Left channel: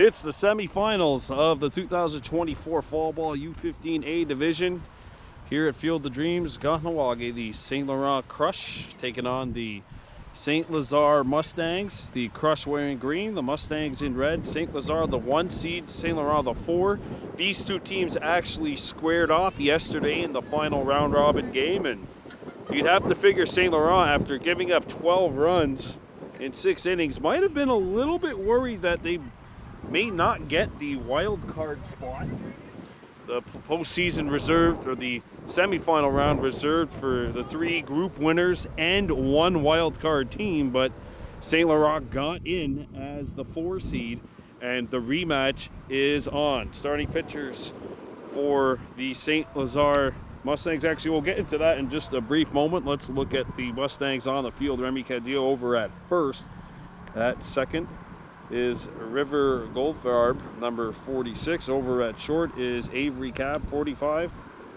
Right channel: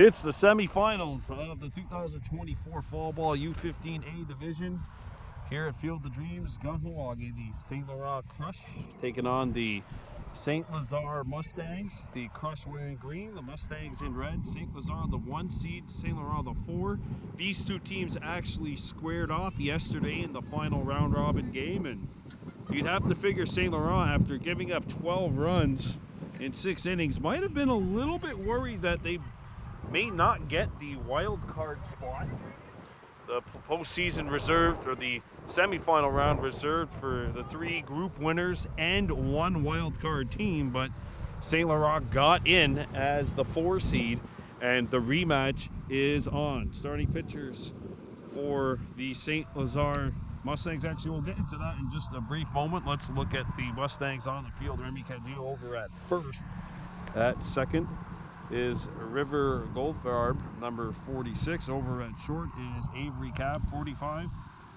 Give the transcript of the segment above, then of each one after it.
It's the semifinals of the 2024 Fall Ball U-15A division here at Field of Dreams, Kahnawake. The St. Laurent Crush taking on the St. Lazare Mustangs. The Crush wearing green, the Mustangs in red. St. Lazare the 1 seed, St. Laurent the 4. These two teams actually squared off yesterday in the final round robin game, and you'd have to figure St. Laurent, after giving up 12 runs in 6 innings, might have been a little bit worried that they may not get the wild card spot. The postseason reserved, or the semifinal round reserved for the 3 group winners and 1 wild card team, but St. Laurent got in as the 4 seed, and the rematch is on. Starting pitchers for the St. Lazare Mustangs. Actually, we'll get into that in just a brief moment. Let's look at the Mustangs on the field. Remy Cadillo over at first. At second is River Goldfarb, number 46. Over at short is Avery Cab, 45.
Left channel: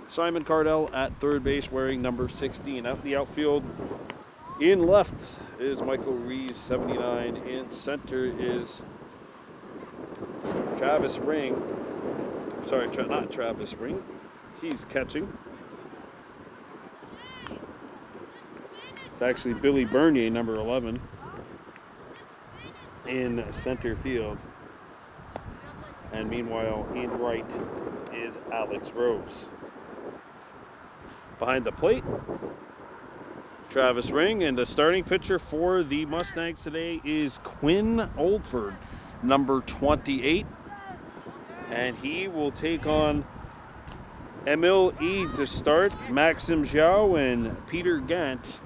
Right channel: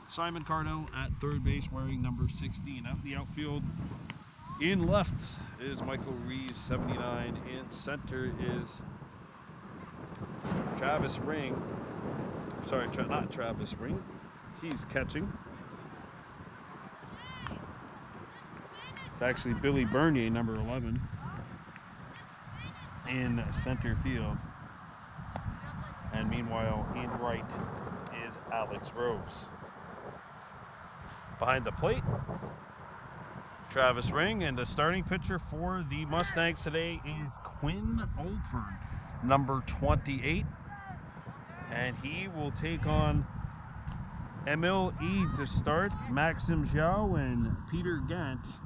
Simon Cardell at third base, wearing number 16. Out the outfield, in left is Michael Rees, 79. In center is Travis Ring. Sorry, not Travis Ring. He's catching. It's actually Billy Bernier, number 11. In center field, and meanwhile in right is Alex Rose. Behind the plate, Travis Ring, and the starting pitcher for the Mustangs today is Quinn Oldford, number 28, and he will take on Emil E to start, Maxim Zhao and Peter Gant.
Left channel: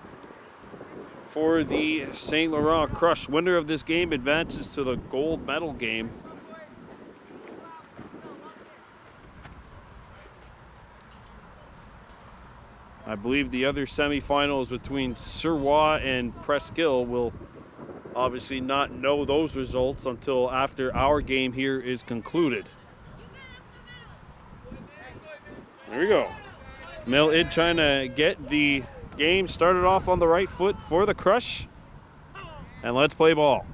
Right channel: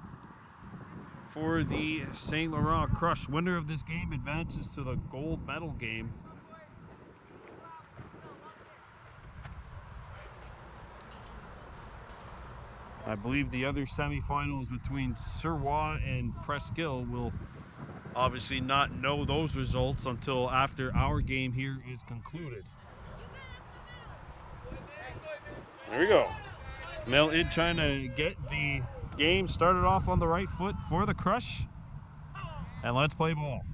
For the St. Laurent Crush, winner of this game advances to the gold medal game. I believe the other semifinals between Surwa and Presqu'Île. Will obviously not know those results until after our game here is concluded. There we go. Mel Id trying to get the game started off on the right foot for the Crush, and let's play ball.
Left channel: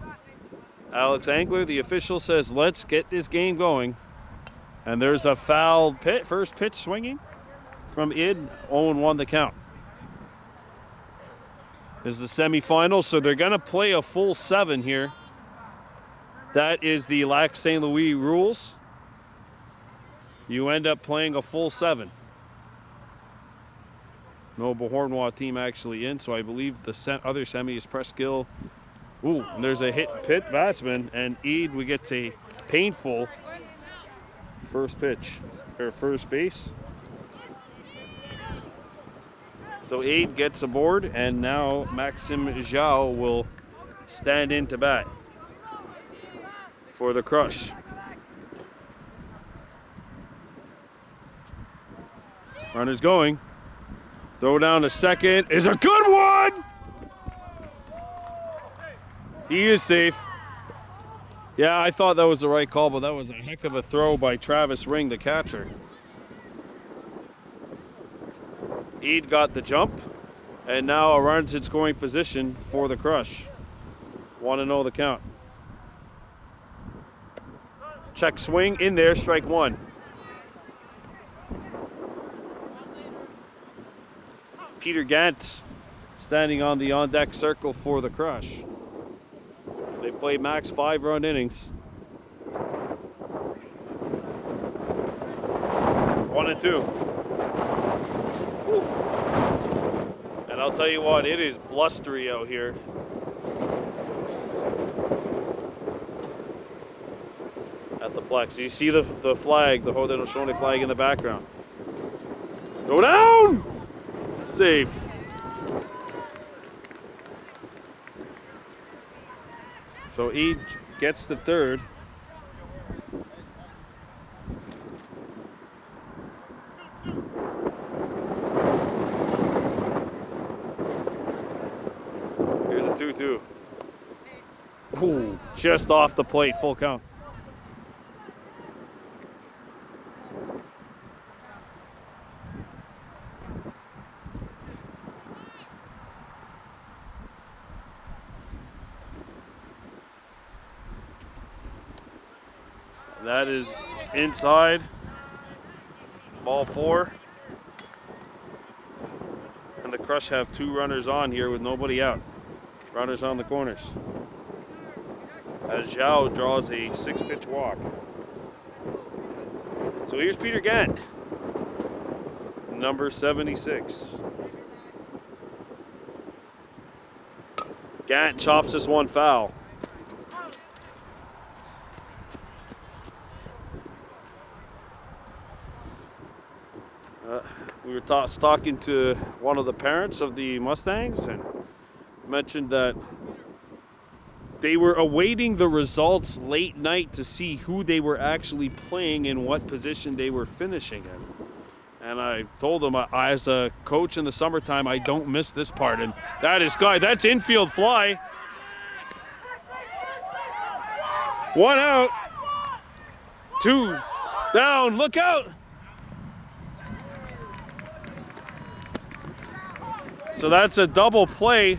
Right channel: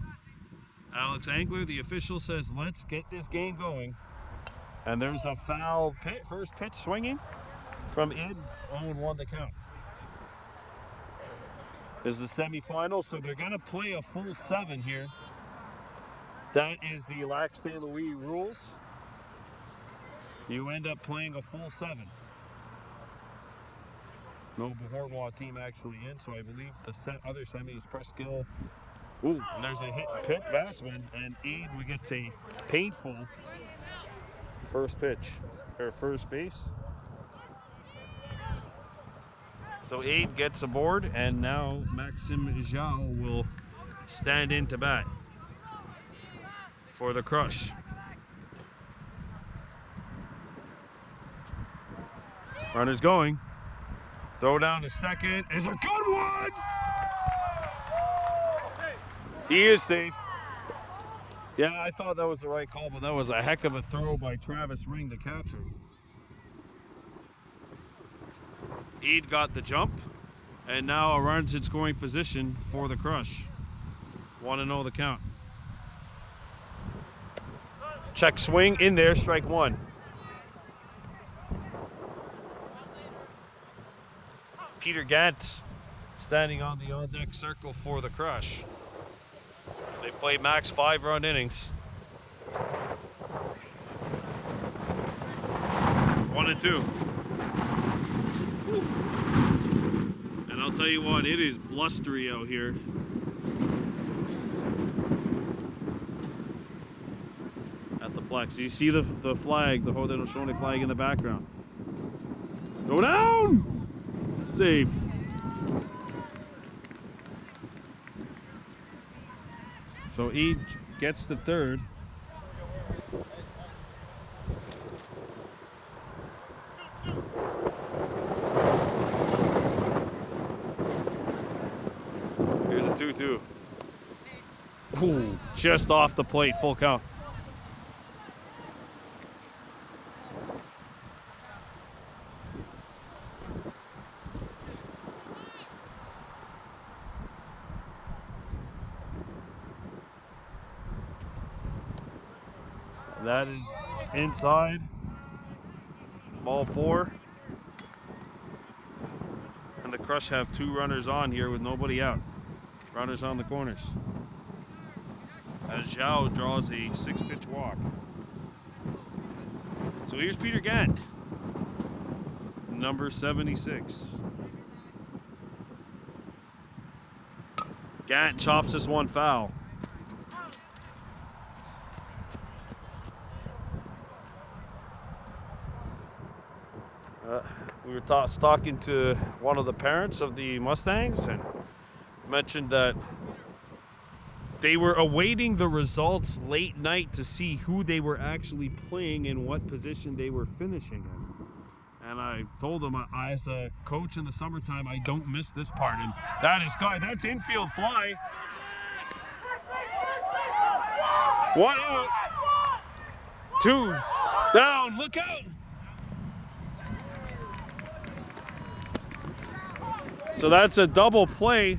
Alex Angler, the official, says let's get this game going, and there's a foul pit. First pitch swinging from Id. 0-1 the count. This is the semifinal, so they're gonna play a full 7 here. That is the Lac St. Louis rules. You end up playing a full 7. No Beauharnois team actually in, so I believe the other semi is Presqu'Île. Ooh, and there's a hit pit batsman, and Eid, we get a painful first pitch, or first base. So Eid gets aboard, and now Maxim Zhao will stand in to bat for the Crush. Runner's going. Throw down to second is a good one! He is safe. Yeah, I thought that was the right call, but that was a heck of a throw by Travis Ring, the catcher. Eid got the jump, and now a runs in scoring position for the Crush. 1-0 the count. Check swing in there, strike 1. Peter Gant standing on the on-deck circle for the Crush. They play max 5-run innings. 1-2. And I'll tell you what, it is blustery out here. At the Plex. Do you see the flag, the Haudenosaunee flag in the background? Go down! Safe. So Eid gets the third. Here's a 2-2. Ooh, just off the plate, full count. That is inside. Ball 4. And the Crush have 2 runners on here with nobody out. Runners on the corners. As Zhao draws a 6-pitch walk. So here's Peter Gant, number 76. Gant chops this one foul. We were talking to one of the parents of the Mustangs and mentioned that they were awaiting the results late night to see who they were actually playing and what position they were finishing in. And I told them, as a coach in the summertime, I don't miss this part. And that's infield fly. 1 out. 2 down, look out. So that's a double play.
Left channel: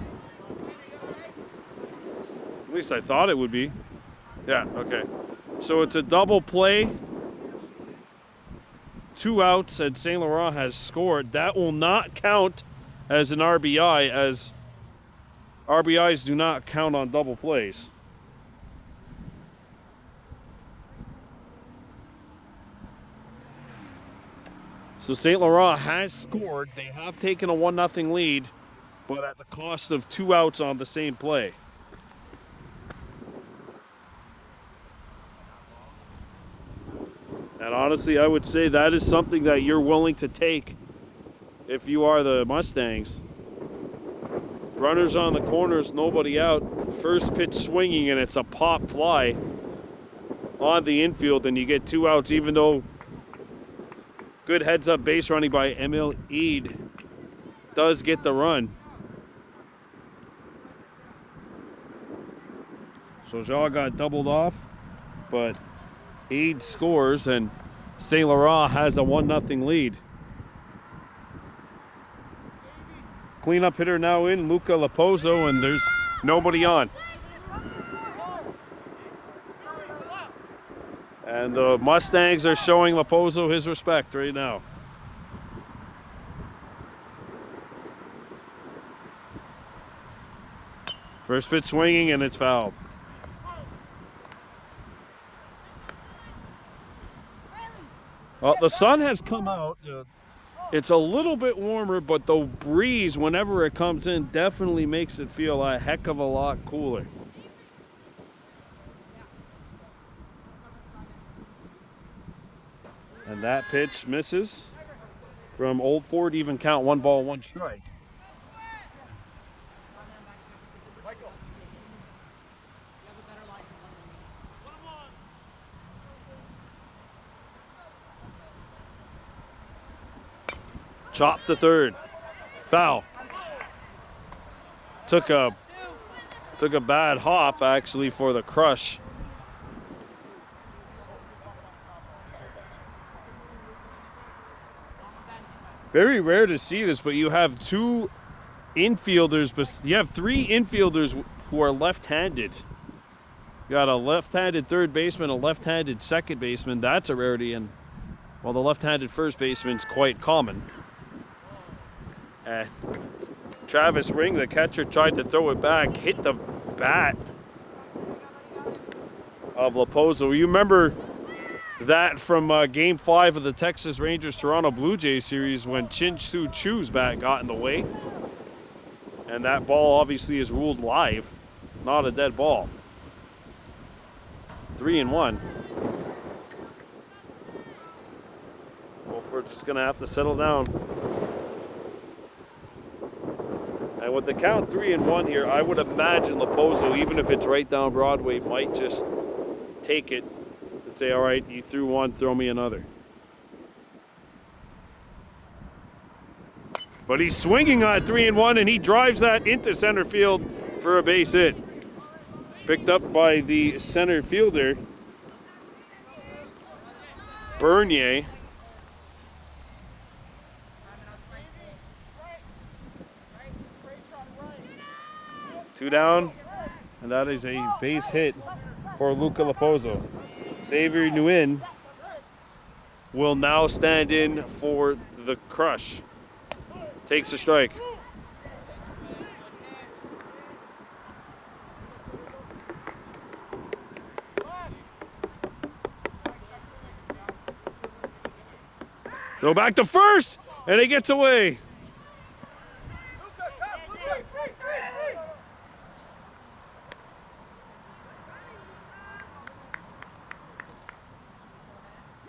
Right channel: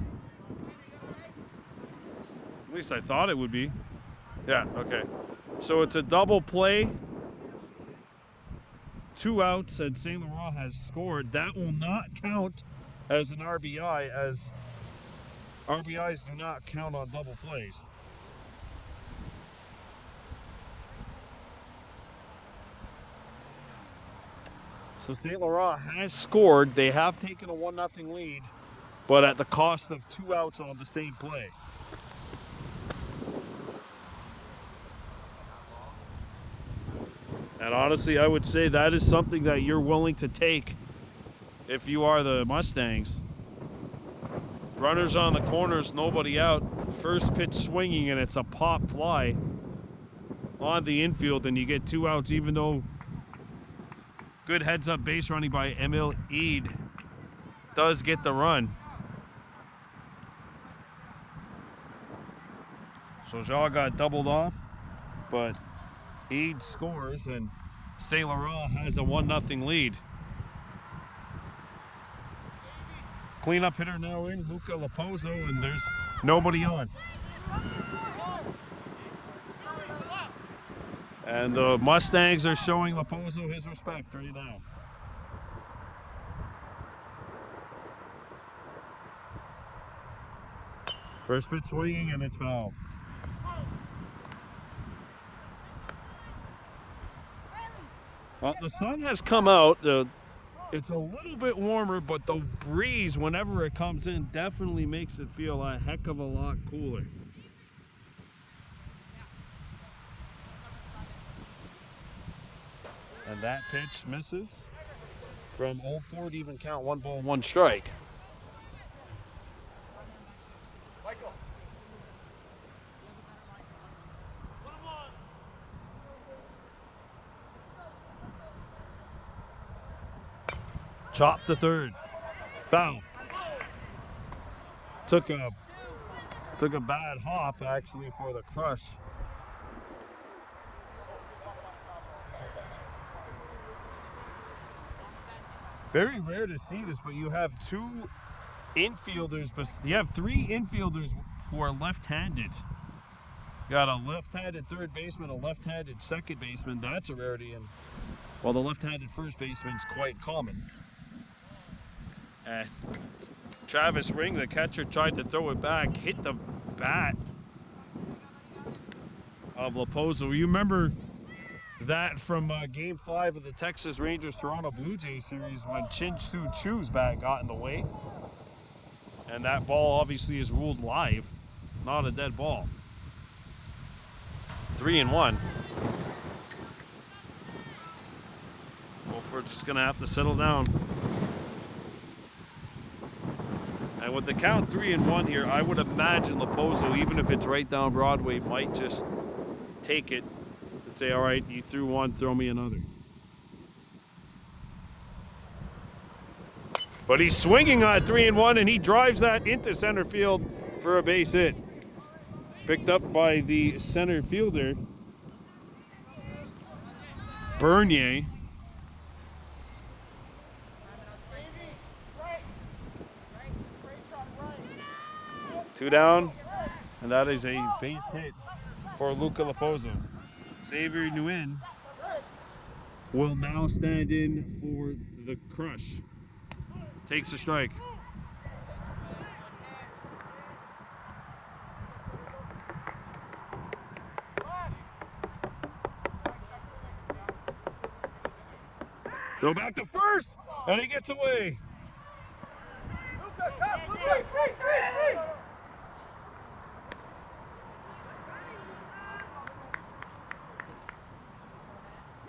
At least I thought it would be. Yeah, okay. So it's a double play. 2 outs, and Saint Laurent has scored. That will not count as an RBI, as RBIs do not count on double plays. So Saint Laurent has scored. They have taken a 1-0 lead, but at the cost of 2 outs on the same play. And honestly, I would say that is something that you're willing to take if you are the Mustangs. Runners on the corners, nobody out. First pitch swinging, and it's a pop fly on the infield, and you get 2 outs, even though good heads-up base running by Emil Eid does get the run. So Shaw got doubled off, but Eid scores, and Saint Laurent has a 1-0 lead. Cleanup hitter now in, Luca Laposo, and there's nobody on. And the Mustangs are showing Laposo his respect right now. First pitch swinging, and it's fouled. Well, the sun has come out. It's a little bit warmer, but the breeze, whenever it comes in, definitely makes it feel a heck of a lot cooler. And that pitch misses from Old Ford, even count 1 ball, 1 strike. Chop to third. Foul. Took a bad hop actually for the Crush. Very rare to see this, but you have 2 infielders, but you have 3 infielders who are left-handed. You got a left-handed third baseman, a left-handed second baseman. That's a rarity, and well, the left-handed first baseman's quite common. And Travis Ring, the catcher, tried to throw it back, hit the bat of Laposo. You remember that from Game 5 of the Texas Rangers-Toronto Blue Jays series when Chin-Soo Choo's bat got in the way. And that ball obviously is ruled live, not a dead ball. 3-1. Wolford's just going to have to settle down. And with the count 3-1 here, I would imagine Laposo, even if it's right down Broadway, might just take it and say, all right, you threw 1, throw me another. But he's swinging on 3-1, and he drives that into center field for a base hit. Picked up by the center fielder, Bernier. Two down, and that is a base hit for Luca Laposo. Xavier Nguyen will now stand in for the Crush. Takes a strike. Throw back to first, and he gets away.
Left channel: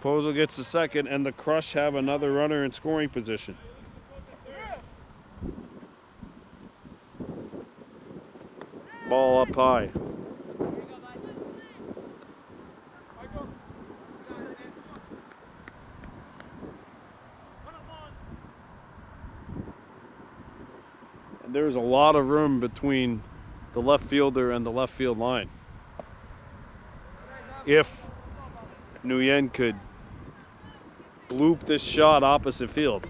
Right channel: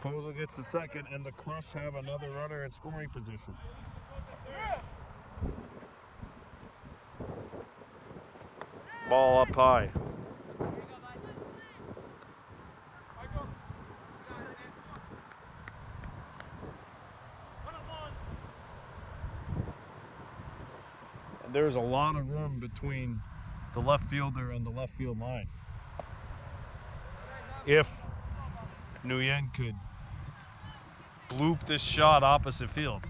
Pozo gets the second, and the Crush have another runner in scoring position. Ball up high. And there's a lot of room between the left fielder and the left field line. If Nguyen could bloop this shot opposite field.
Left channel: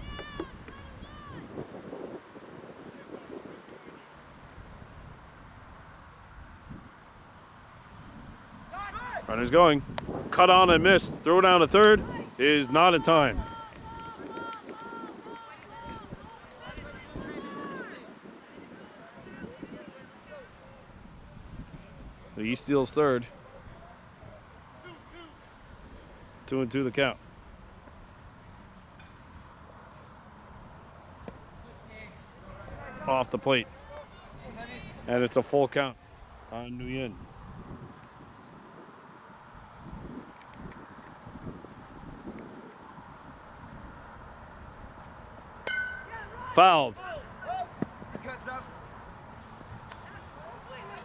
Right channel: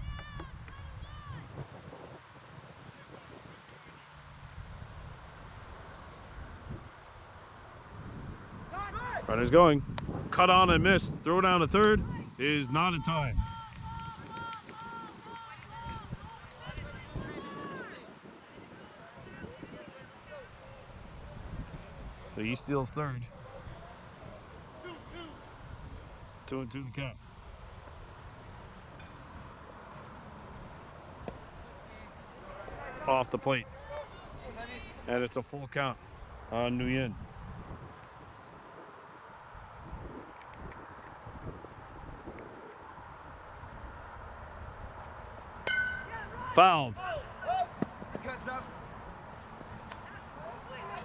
Runner's going. Cut on and missed. Throw down to third is not in time. So he steals third. 2-2 the count. Off the plate. And it's a full count on Nguyen. Fouled.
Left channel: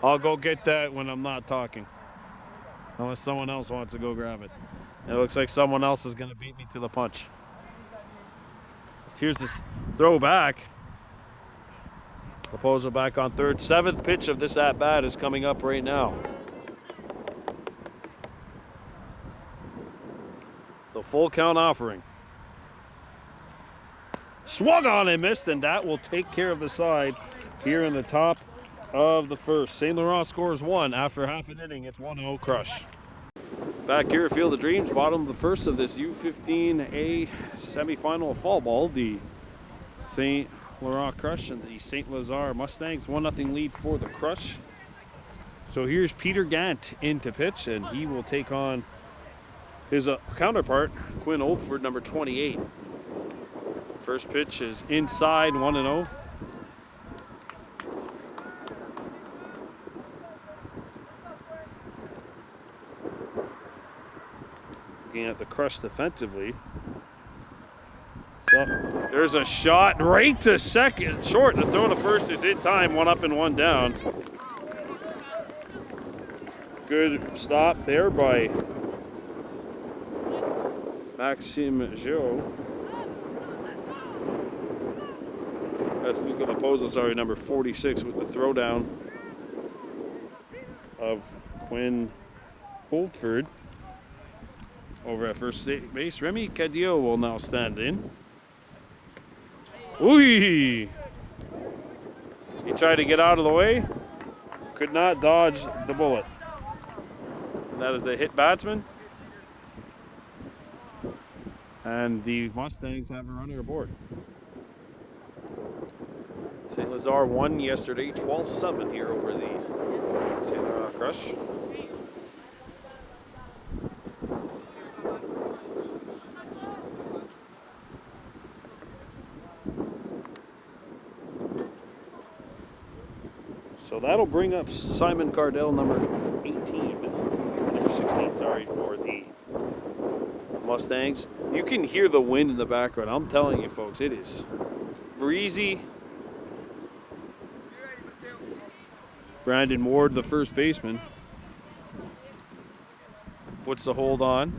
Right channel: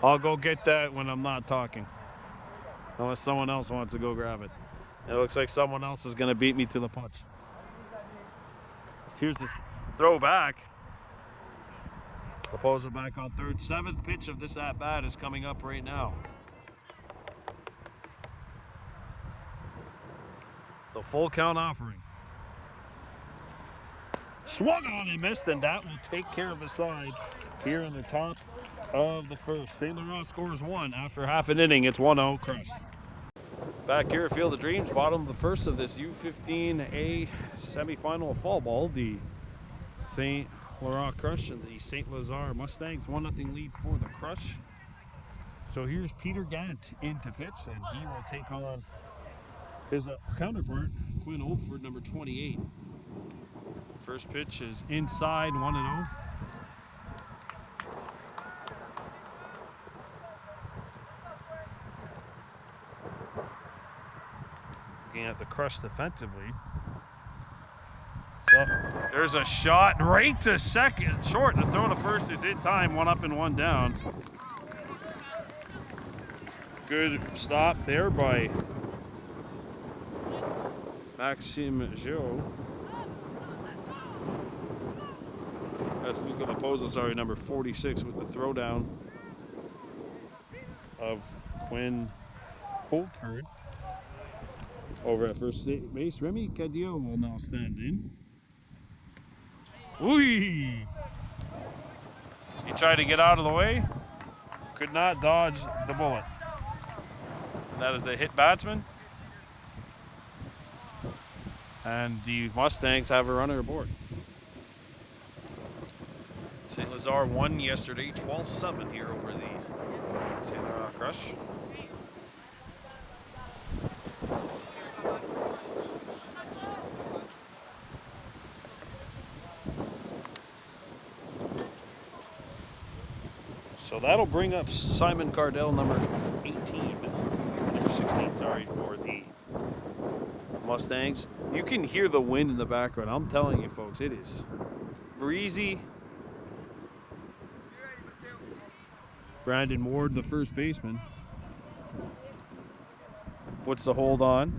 I'll go get that when I'm not talking. Unless someone else wants to go grab it. It looks like someone else is going to beat me to the punch. Here's this throw back. Raposo back on third. 7th pitch of this at-bat is coming up right now. The full count offering. Swung on and missed, and that will take care of the side here in the top of the first. St. Laurent scores 1 after half an inning. It's 1-0 Crush. Back here at Field of Dreams, bottom of the first of this U-15A semifinal of fall ball. The St. Laurent Crush and the St. Lazare Mustangs. 1-0 lead for the Crush. So here's Peter Gant in to pitch, and he will take on his counterpart, Quinn Oldford, number 28. First pitch is inside, 1-0. Looking at the Crush defensively. So there's a shot right to second. Short. The throw to first is in time. 1 up and 1 down. Good stop there by Maxime Giraud. That's Luca Raposo, sorry, number 46 with the throwdown of Quinn Holtford. Over at first base, Remy Cadillo will now stand in. Ooh! He tried to get out of the way, could not dodge the bullet. That is the hit batsman. And the Mustangs have a runner aboard. St. Lazare won yesterday, 12-7 here over the St. Laurent Crush. So that'll bring up Simon Cardell, number 16, sorry, for the Mustangs. You can hear the wind in the background. I'm telling you, folks, it is breezy. Brandon Ward, the first baseman, puts the hold on.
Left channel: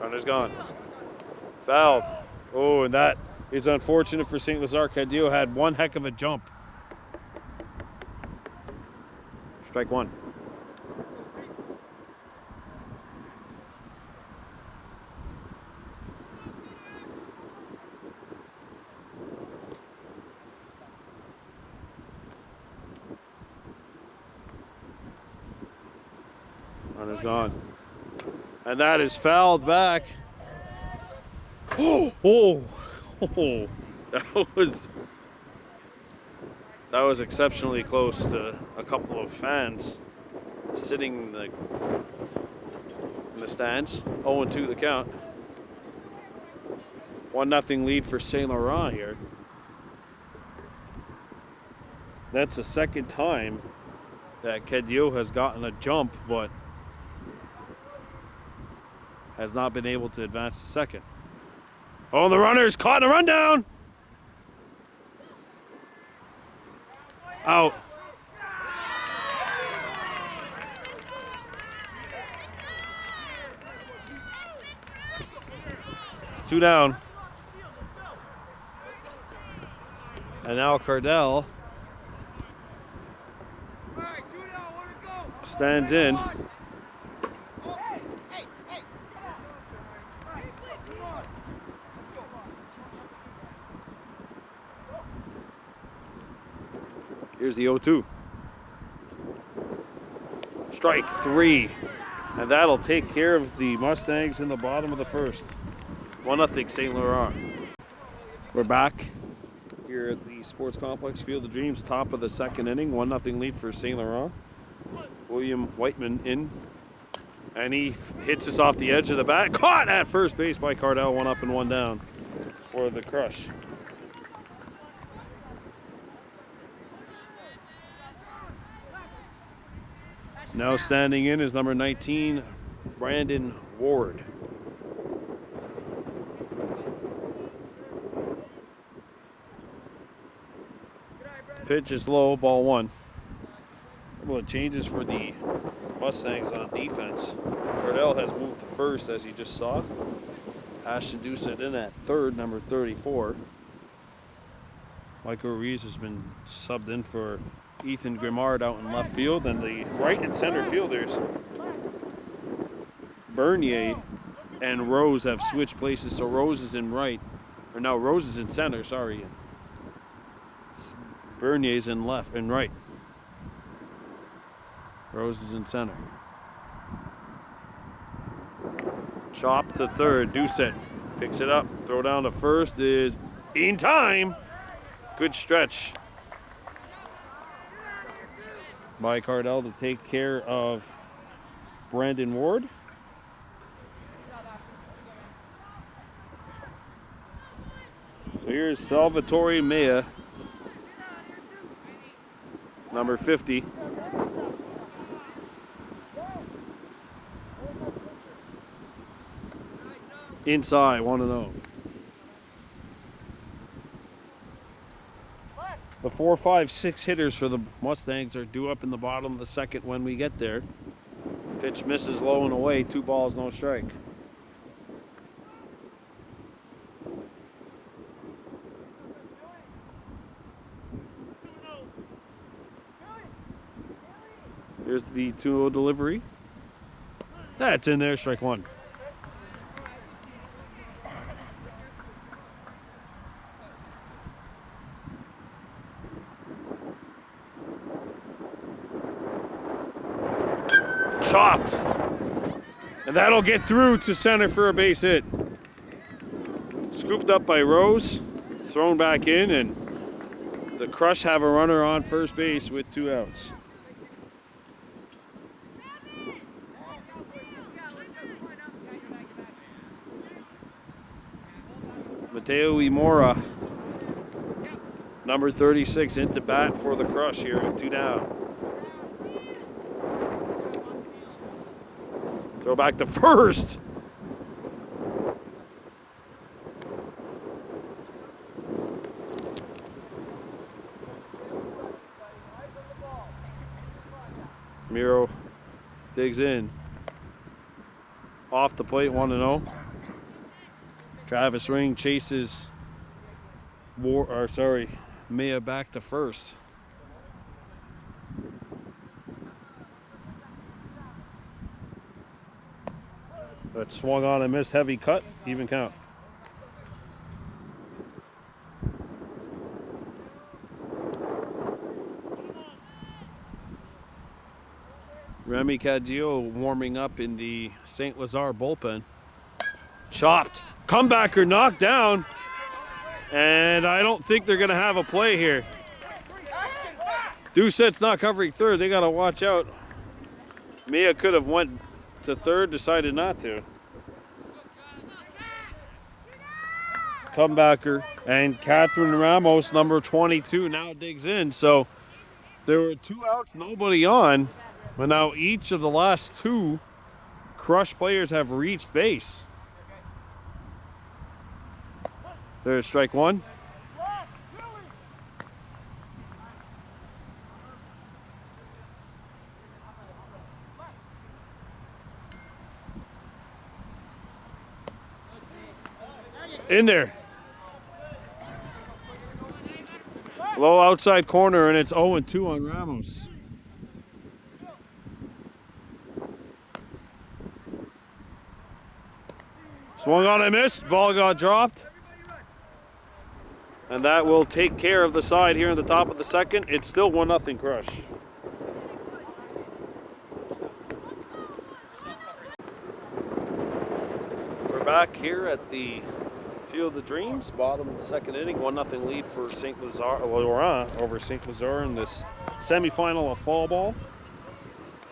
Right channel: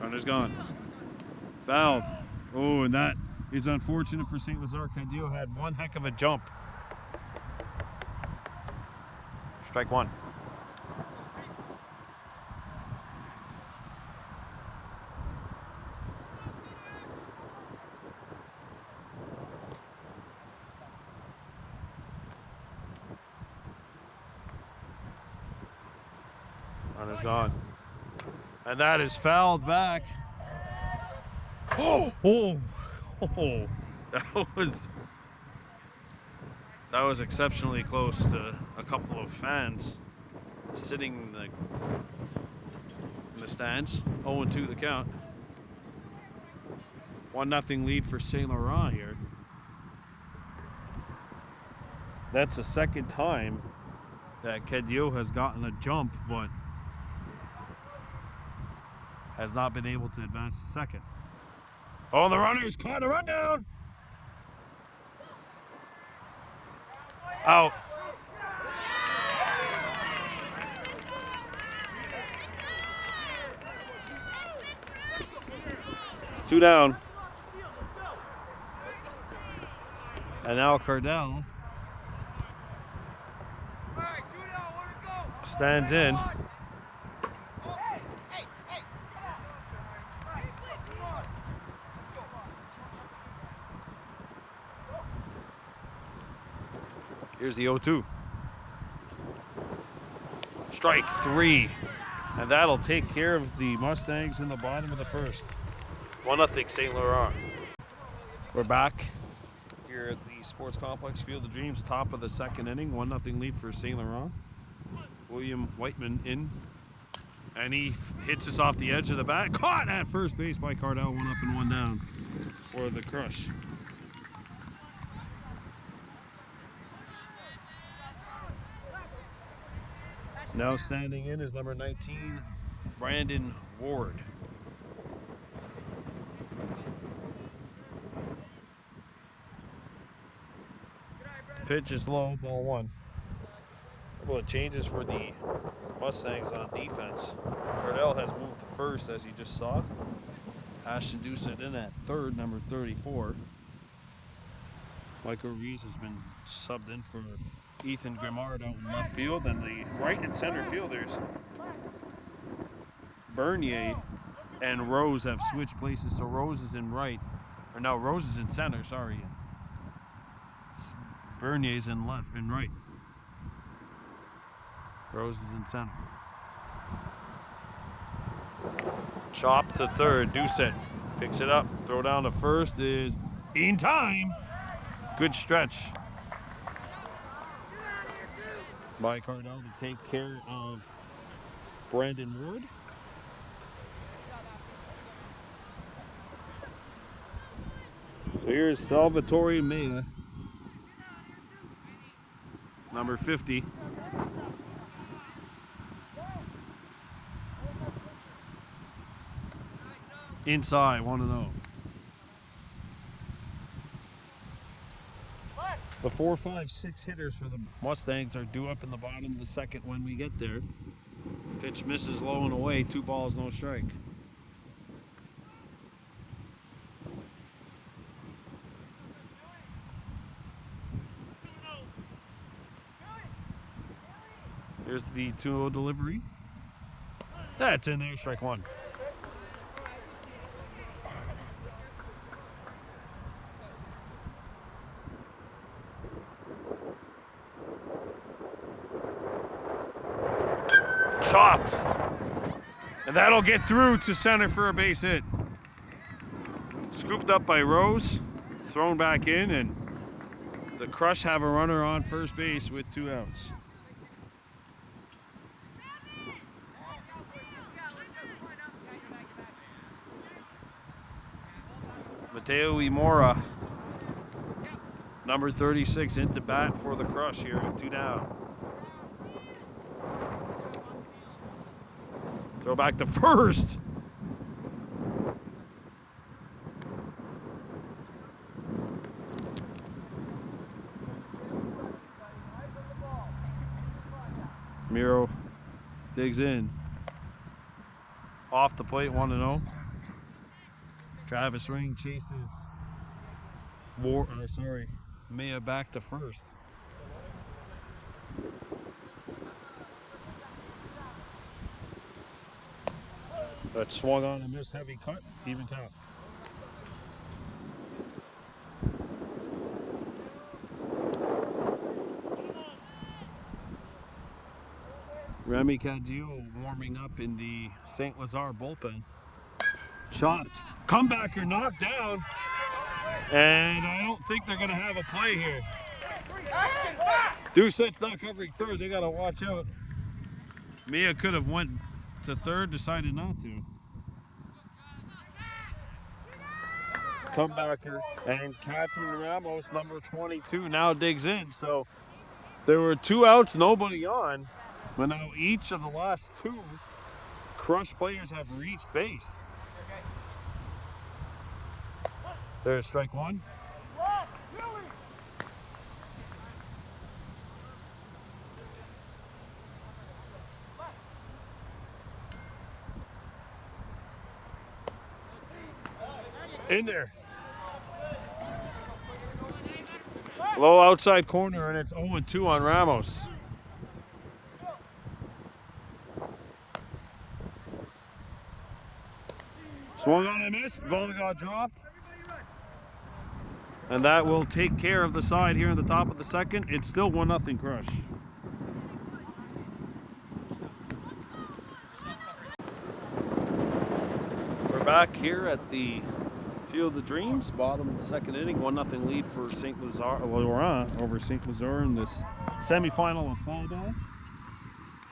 Runner's gone. Fouled. Oh, and that is unfortunate for St. Lazare. Cadillo had one heck of a jump. Strike 1. Runner's gone. And that is fouled back. Oh, oh, oh. That was exceptionally close to a couple of fans sitting in the stands. 0-2 the count. 1-0 lead for Saint Laurent here. That's the second time that Cadillo has gotten a jump, but has not been able to advance to second. Oh, the runner's caught in a rundown. Out. Two down. And now Cardell stands in. Here's the 0-2. Strike three. And that'll take care of the Mustangs in the bottom of the first. 1-0 Saint Laurent. We're back here at the Sports Complex Field of Dreams, top of the second inning. 1-0 lead for Saint Laurent. William Whiteman in. And he hits us off the edge of the bat. Caught at first base by Cardell. 1 up and 1 down for the crush. Now standing in is number 19, Brandon Ward. Pitch is low, ball 1. A couple of changes for the Mustangs on defense. Cardell has moved to first, as you just saw. Ashton Doucette in at third, number 34. Michael Reeves has been subbed in for Ethan Grimard out in left field, and the right and center fielders, Bernier and Rose, have switched places. So Rose is in right, or no, Rose is in center, sorry. Bernier's in left and right. Rose is in center. Chop to third. Doucette picks it up. Throw down to first is in time. Good stretch by Cardell to take care of Brandon Ward. So here's Salvatore Mea, number 50. Inside, 1-0. The 4, 5, 6 hitters for the Mustangs are due up in the bottom of the second when we get there. Pitch misses low and away. 2 balls, no strike. Here's the 2-0 delivery. That's in there, strike 1. Chopped. And that'll get through to center for a base hit. Scooped up by Rose, thrown back in, and the Crush have a runner on first base with 2 outs. Mateo Imora, number 36, into bat for the Crush here with 2 down. Throw back to first. Miro digs in. Off the plate, 1-0. Travis Ring chases Mea back to first. But swung on and missed, heavy cut, even count. Remy Cadillo warming up in the St. Lazare bullpen. Chopped. Comebacker knocked down. And I don't think they're going to have a play here. Doucette's not covering third. They got to watch out. Mia could have went to third, decided not to. Comebacker. And Catherine Ramos, number 22, now digs in. So there were 2 outs, nobody on. But now each of the last 2 Crush players have reached base. There's strike 1. In there. Low outside corner, and it's 0-2 on Ramos. Swung on and missed. Ball got dropped. And that will take care of the side here in the top of the second. It's still 1-0 Crush. We're back here at the Field of Dreams, bottom of the second inning. 1-0 lead for St. Lazare, Laurent over St. Lazare in this semifinal of fall ball.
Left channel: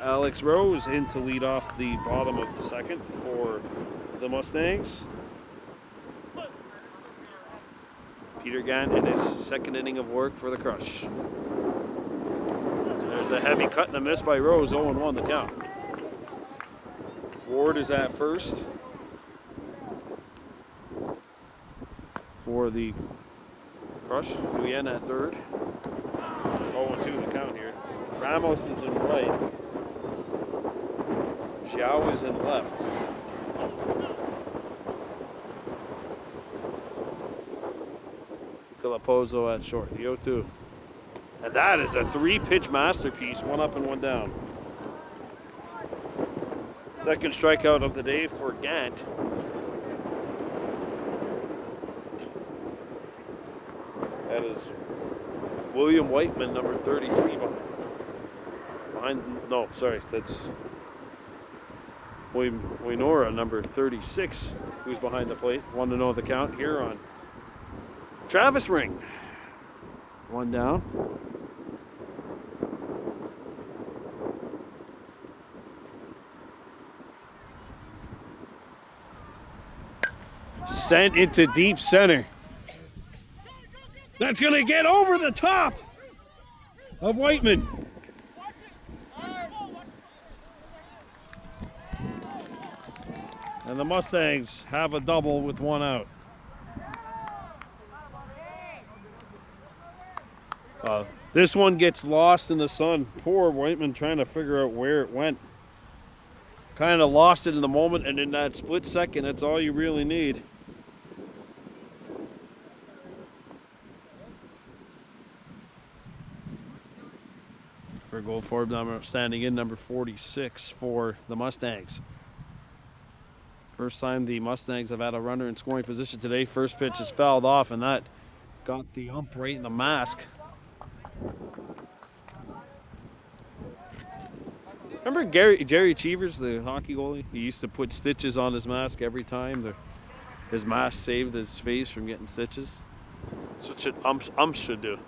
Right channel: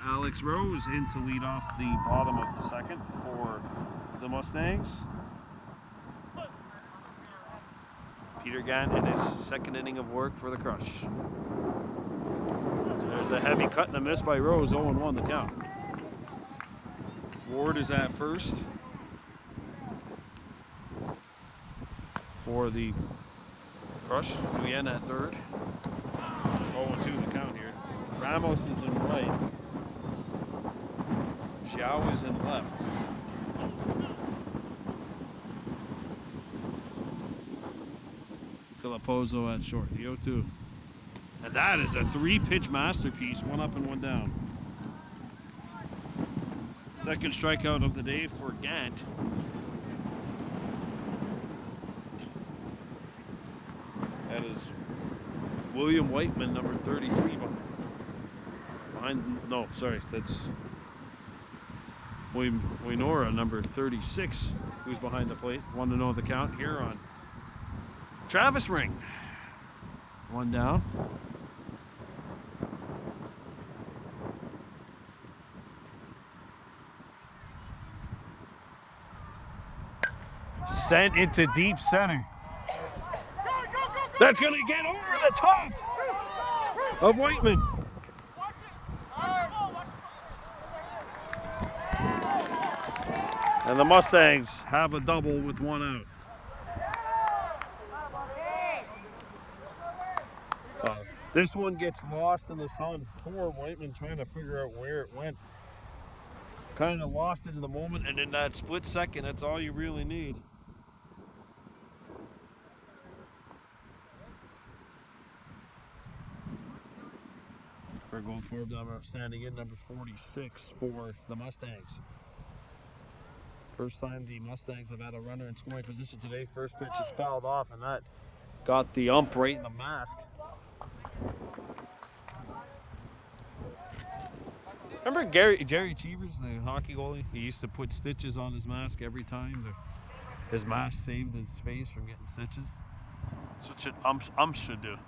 Alex Rose in to lead off the bottom of the second for the Mustangs. Peter Gant in his second inning of work for the Crush. There's a heavy cut and a miss by Rose, 0-1 the count. Ward is at first for the Crush. Nguyen at third. 0-2 the count here. Ramos is in right. Xiao is in left. Calapozo at short, the 0-2. And that is a 3-pitch masterpiece, 1 up and 1 down. Second strikeout of the day for Gant. That is William Whiteman, number 33. No, sorry, that's Wainora, number 36, who's behind the plate. 1-0 the count here on Travis Ring. 1 down. Sent into deep center. That's going to get over the top of Whiteman. And the Mustangs have a double with 1 out. This one gets lost in the sun. Poor Whiteman trying to figure out where it went. Kind of lost it in the moment, and in that split second, that's all you really need. For goal forward number standing in, number 46 for the Mustangs. First time the Mustangs have had a runner in scoring position today. First pitch is fouled off, and that got the ump right in the mask. Remember Jerry Cheevers, the hockey goalie? He used to put stitches on his mask every time. His mask saved his face from getting stitches. That's what umps should do.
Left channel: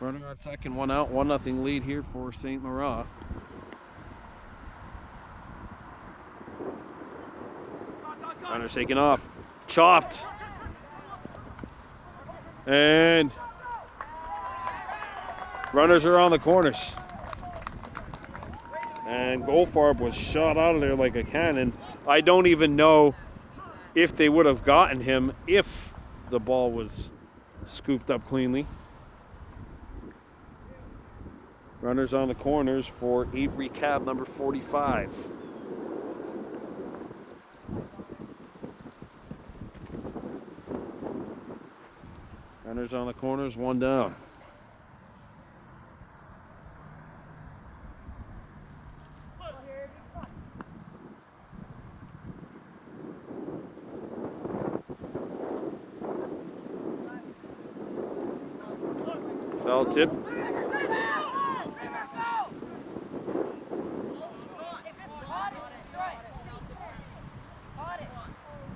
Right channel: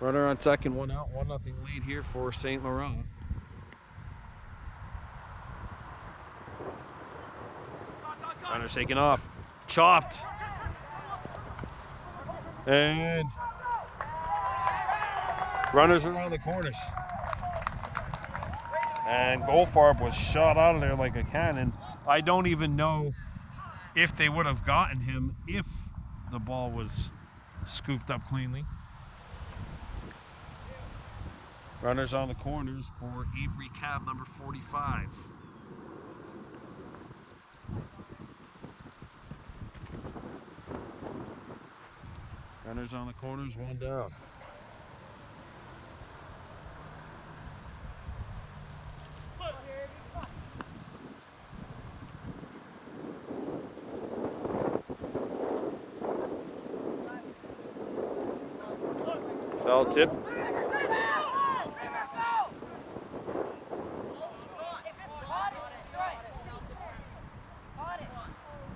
Runner on second, 1 out, 1-0 lead here for St. Laurent. Runner's taken off, chopped, and runners are on the corners. And Goldfarb was shot out of there like a cannon. I don't even know if they would have gotten him if the ball was scooped up cleanly. Runners on the corners for Avery Cab, number 45. Runners on the corners, 1 down. Foul tip.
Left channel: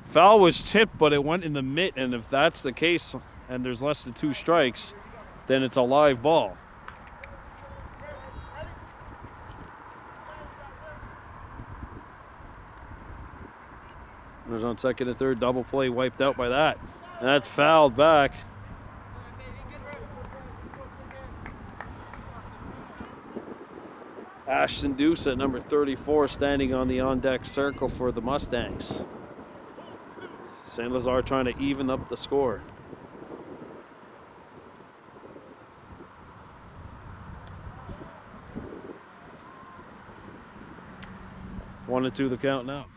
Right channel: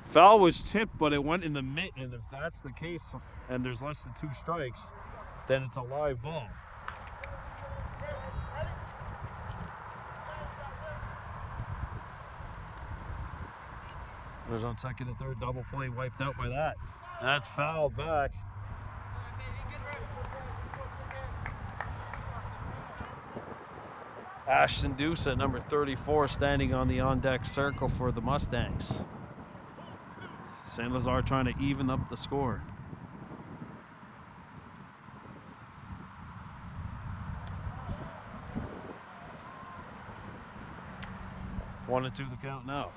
Foul was tipped, but it went in the mitt, and if that's the case and there's less than 2 strikes, then it's a live ball. There's on second and third, double play wiped out by that. That's fouled back. Ashton Deuce at number 34 standing on the on-deck circle for the Mustangs. St. Lazare trying to even up the score. One and two the count now.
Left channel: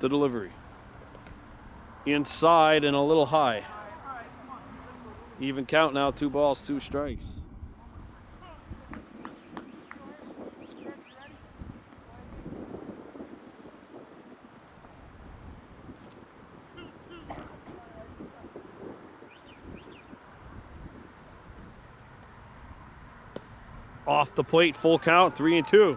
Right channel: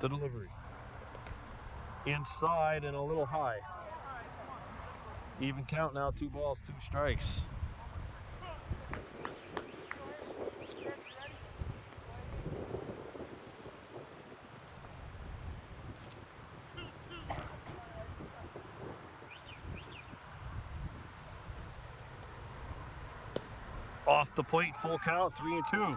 The delivery. Inside and a little high. Even count now, 2 balls, 2 strikes. Off the plate, full count, 3 and 2.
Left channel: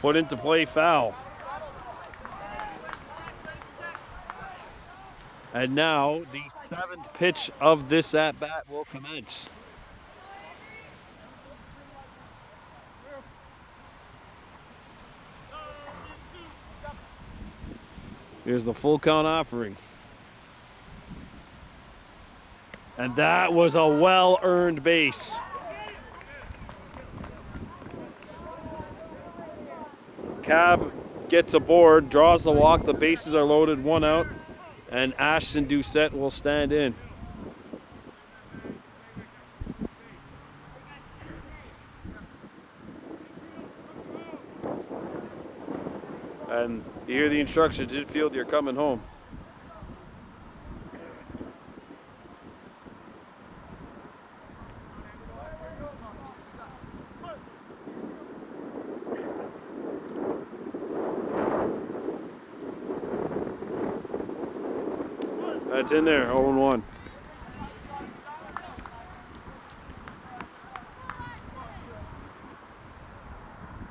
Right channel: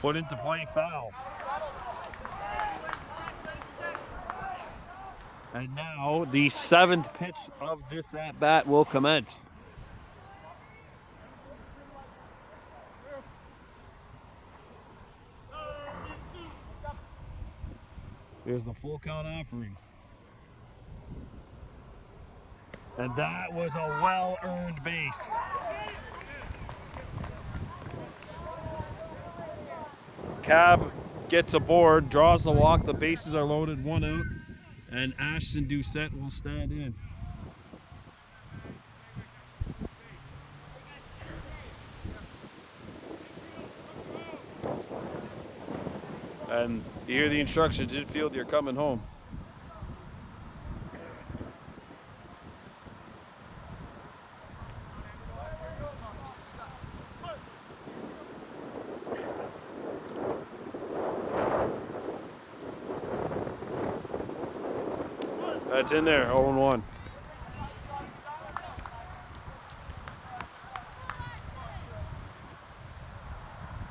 Put into play, foul. And now the 7th pitch of this at-bat will commence. Here's the full count offering. And that was a well-earned base. Cab gets aboard, draws the walk, the bases are loaded, 1 out, and Ashton Doucette will stand in. And you hear the instructions, infield, you're coming home. That's in there, 0-1.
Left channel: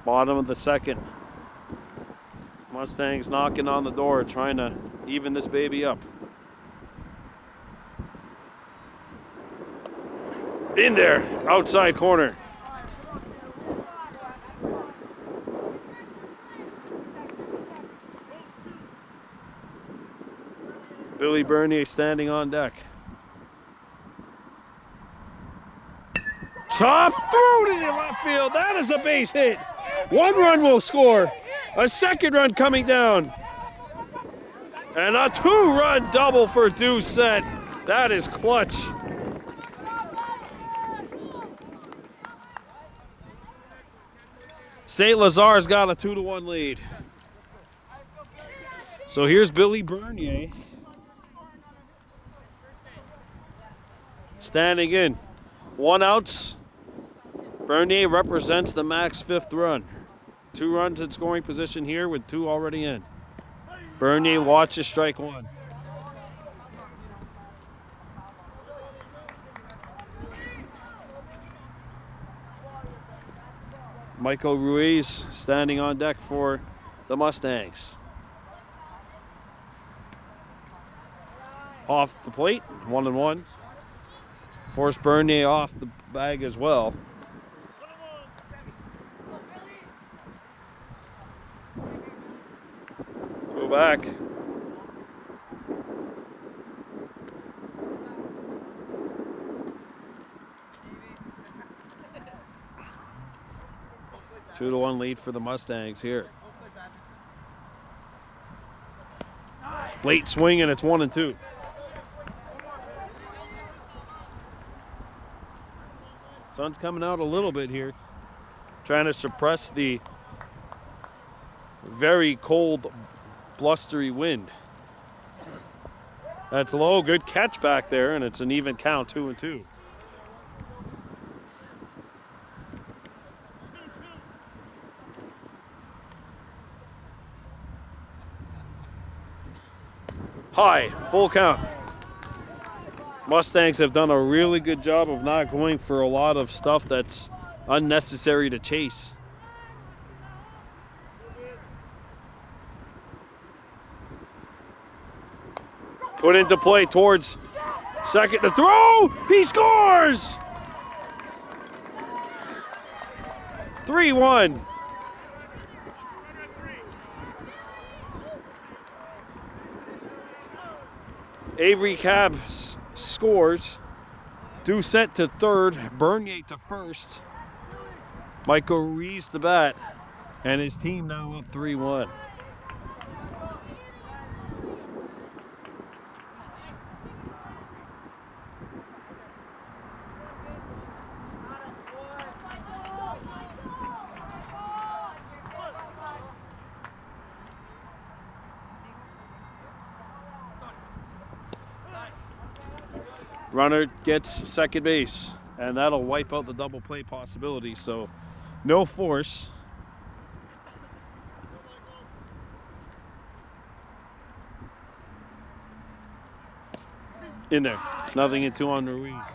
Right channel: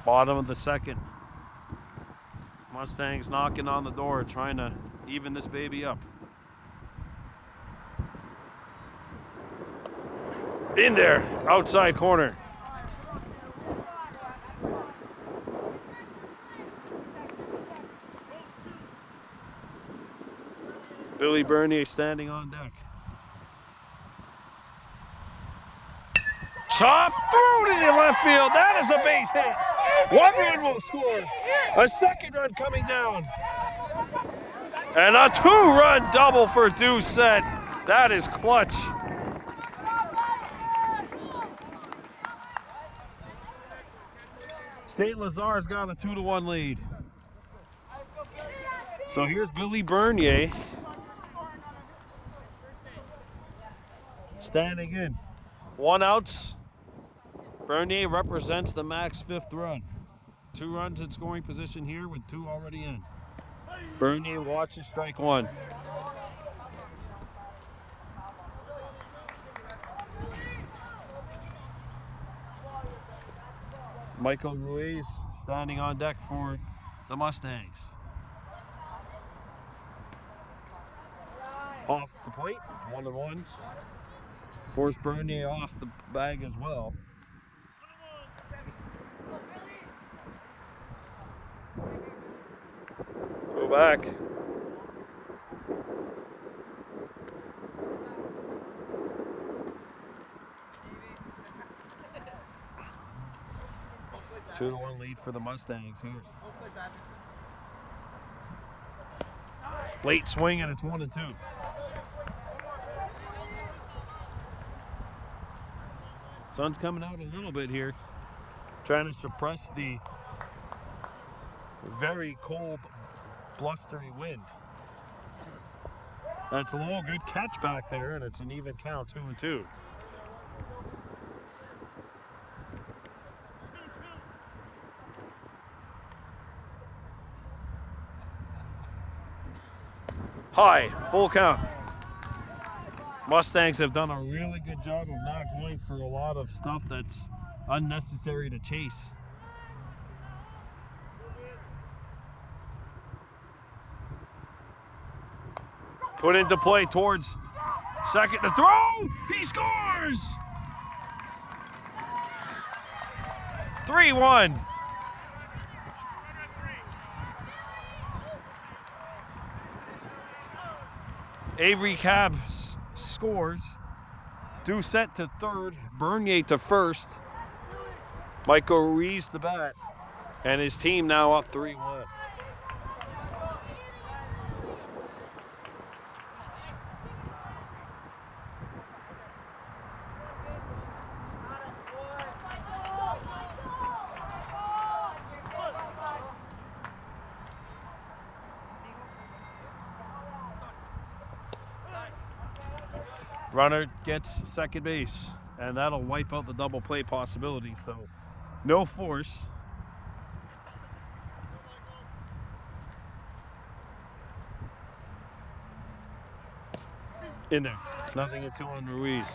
Bottom of the second. Mustangs knocking on the door, trying to even this baby up. In there, outside corner. Billy Bernier standing on deck. Chop through to the left field. That is a base hit. 1 run will score. A 2nd run coming down. And a 2-run double for Doucette. That is clutch. St. Lazare's got a 2-1 lead. So here's Billy Bernier. Standing in. 1 outs. Bernier represents the max 5th run. 2 runs in scoring position here with 2 already in. Bernier watches strike 1. Michael Ruiz standing on deck for the Mustangs. Off the plate, 1-1. Forced Bernier off the bag as well. Go back. Two to 1 lead for the Mustangs here. Late swing and it's 1-2. Sun's coming out a little bit here, trying to suppress the very cold, blustery wind. That's low, good catch back there, and it's an even count, 2-2. High, full count. Mustangs have done a really good job of not going for a lot of stuff that's unnecessary to chase. Put into play towards second to throw. He scores! 3-1. Avery Cab scores. Doucette to third. Bernier to first. Michael Ruiz to bat. And his team now up 3-1. Runner gets second base, and that'll wipe out the double play possibility, so no force. In there, nothing in 2 on Ruiz.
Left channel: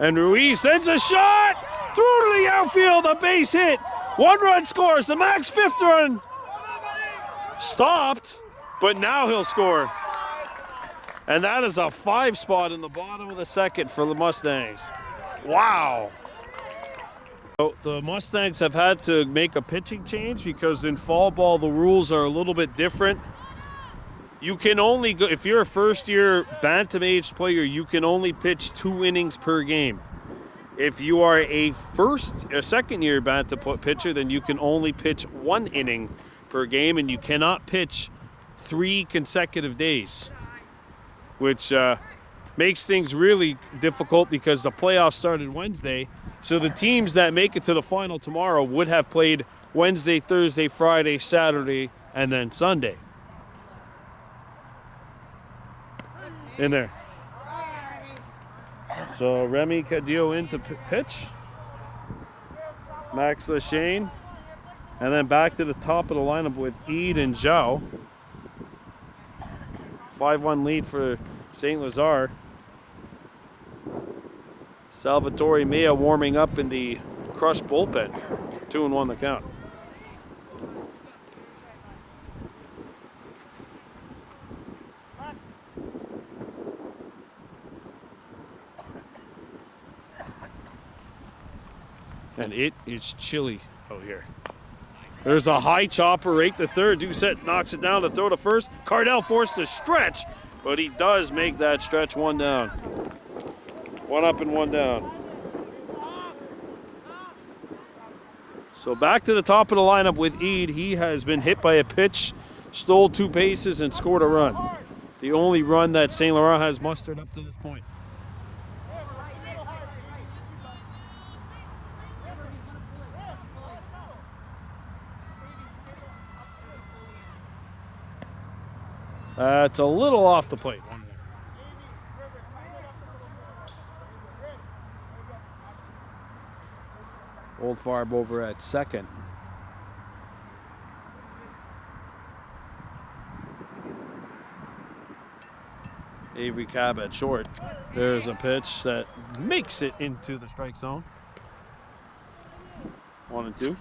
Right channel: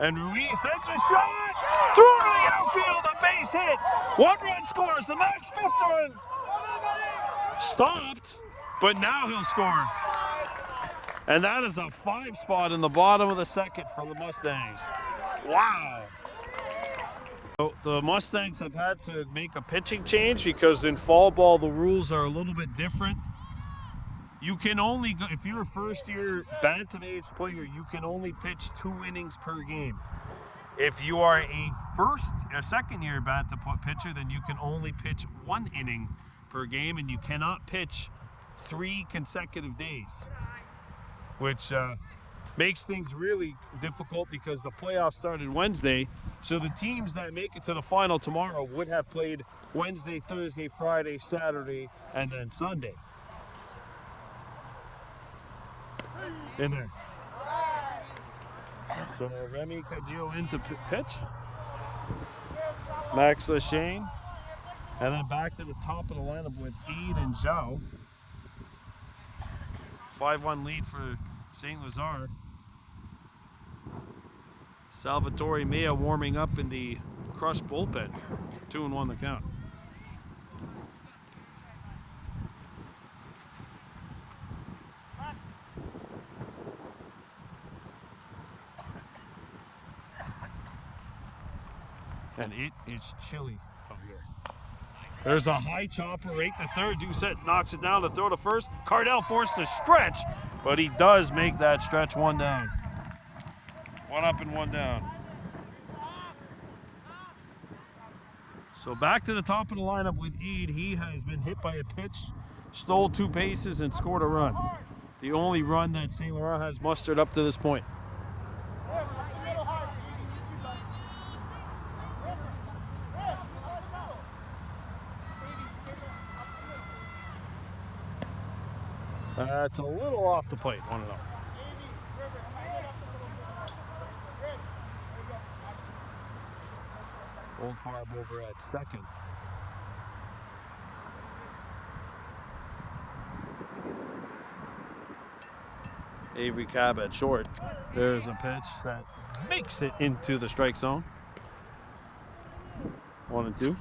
And Ruiz sends a shot through to the outfield, a base hit. 1 run scores, the Max 5th run. Stopped, but now he'll score. And that is a 5 spot in the bottom of the second for the Mustangs. Wow. So the Mustangs have had to make a pitching change because in fall ball the rules are a little bit different. You can only go, if you're a first-year bantam-aged player, you can only pitch 2 innings per game. If you are a second-year bantam pitcher, then you can only pitch 1 inning per game, and you cannot pitch 3 consecutive days, which makes things really difficult because the playoffs started Wednesday. So the teams that make it to the final tomorrow would have played Wednesday, Thursday, Friday, Saturday, and then Sunday. In there. So Remy Cadillo in to pitch. Max Lachane. And then back to the top of the lineup with Eid and Zhao. 5-1 lead for St. Lazare. Salvatore Mea warming up in the Crush bullpen. 2-1 the count. And it is chilly out here. There's a high chopper right to third. Doucette knocks it down to throw to first. Cardell forced to stretch, but he does make that stretch. 1 down. 1 up and 1 down. So back to the top of the lineup with Eid. He has been hit by a pitch, stole 2 bases, and scored a run. The only run that St. Laurent has mustered up to this point. It's a little off the plate, 1-0. Old Farb over at second. Avery Cab at short. There's a pitch that makes it into the strike zone. 1-2.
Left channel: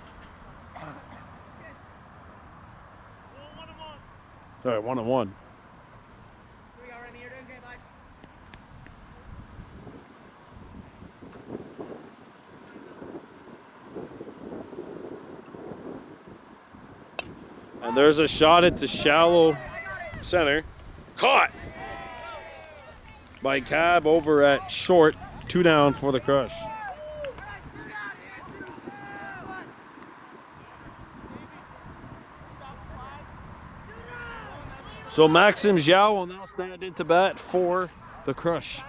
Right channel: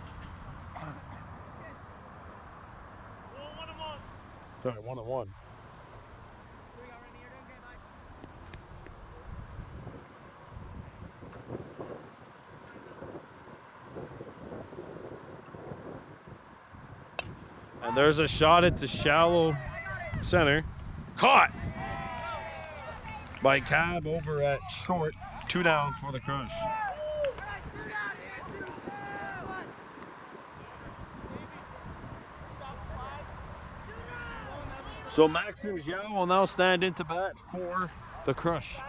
Sorry, 1-1. And there's a shot at the shallow center. Caught by Cab over at short. 2 down for the Crush. So Maxim Zhao will now stand into bat for the Crush.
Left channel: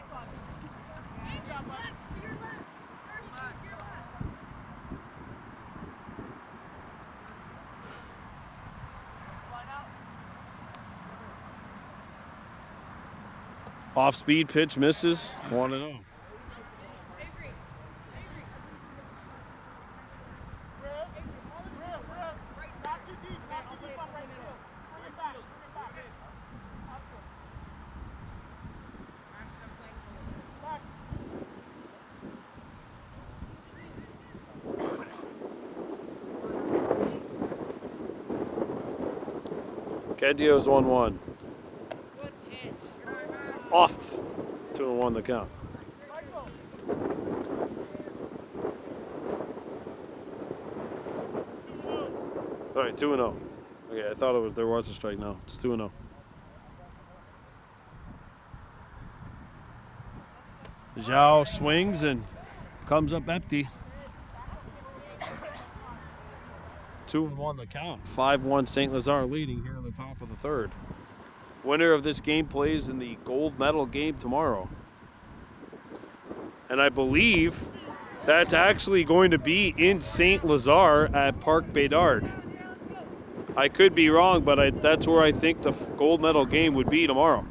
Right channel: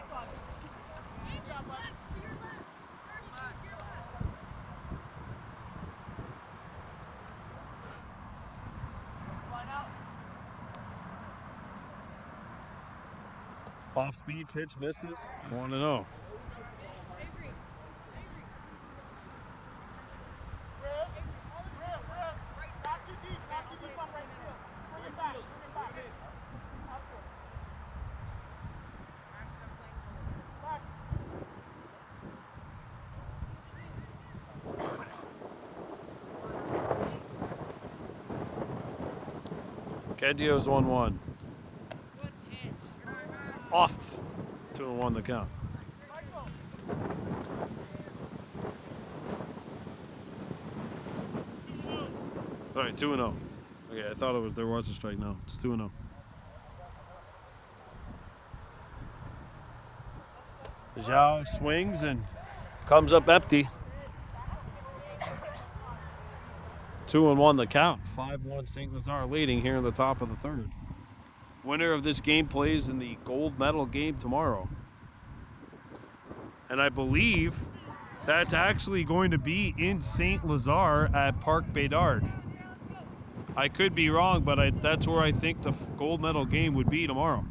Off-speed pitch misses, 1-0. Cadio's 1-1. Off. 2-1 the count. All right, 2-0. Okay, I thought there was a strike. No, it's 2-0. Zhao swings and comes up empty. 2-1 the count. 5-1 St. Lazare leading here in the top of the third. Winner of this game plays in the gold medal game tomorrow. And I believe that's actually going to be in St. Lazare at Parc Bédard. I could be wrong, but that's where I think the gold medal game would be tomorrow.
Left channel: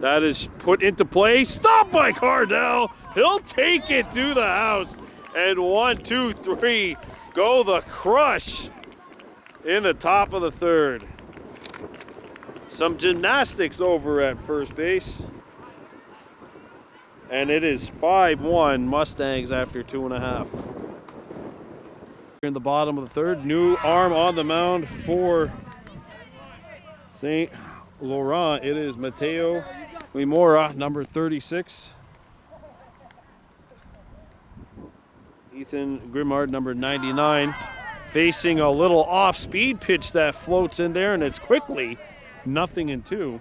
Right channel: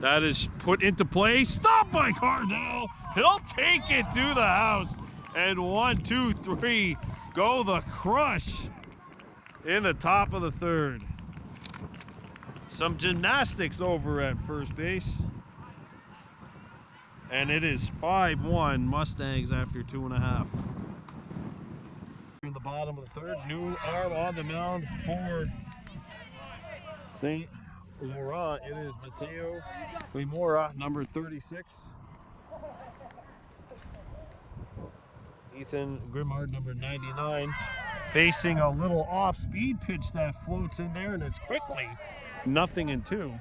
That is put into play. Stopped by Cardell. He'll take it to the house. And 1, 2, 3. Go the Crush in the top of the third. Some gymnastics over at first base. And it is 5-1 Mustangs after 2.5. In the bottom of the third. New arm on the mound for St. Laurent. It is Mateo Limora, number 36. Ethan Grimard, number 99, facing a little off-speed pitch that floats in there, and it's quickly 0-2.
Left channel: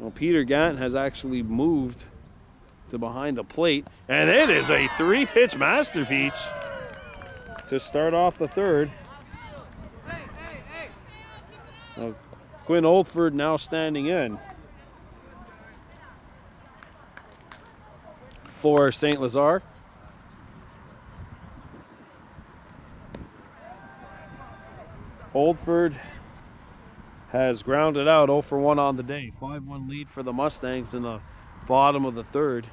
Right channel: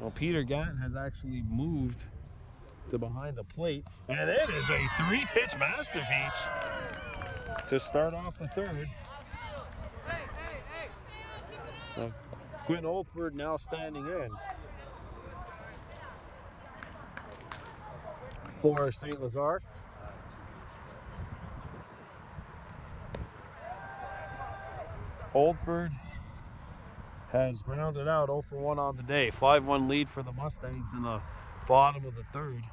Well, Peter Gant has actually moved to behind the plate, and it is a 3-pitch masterpiece to start off the third. Quinn Oldford now standing in for St. Lazare. Oldford has grounded out 0 for 1 on the day. 5-1 lead for the Mustangs in the bottom of the third.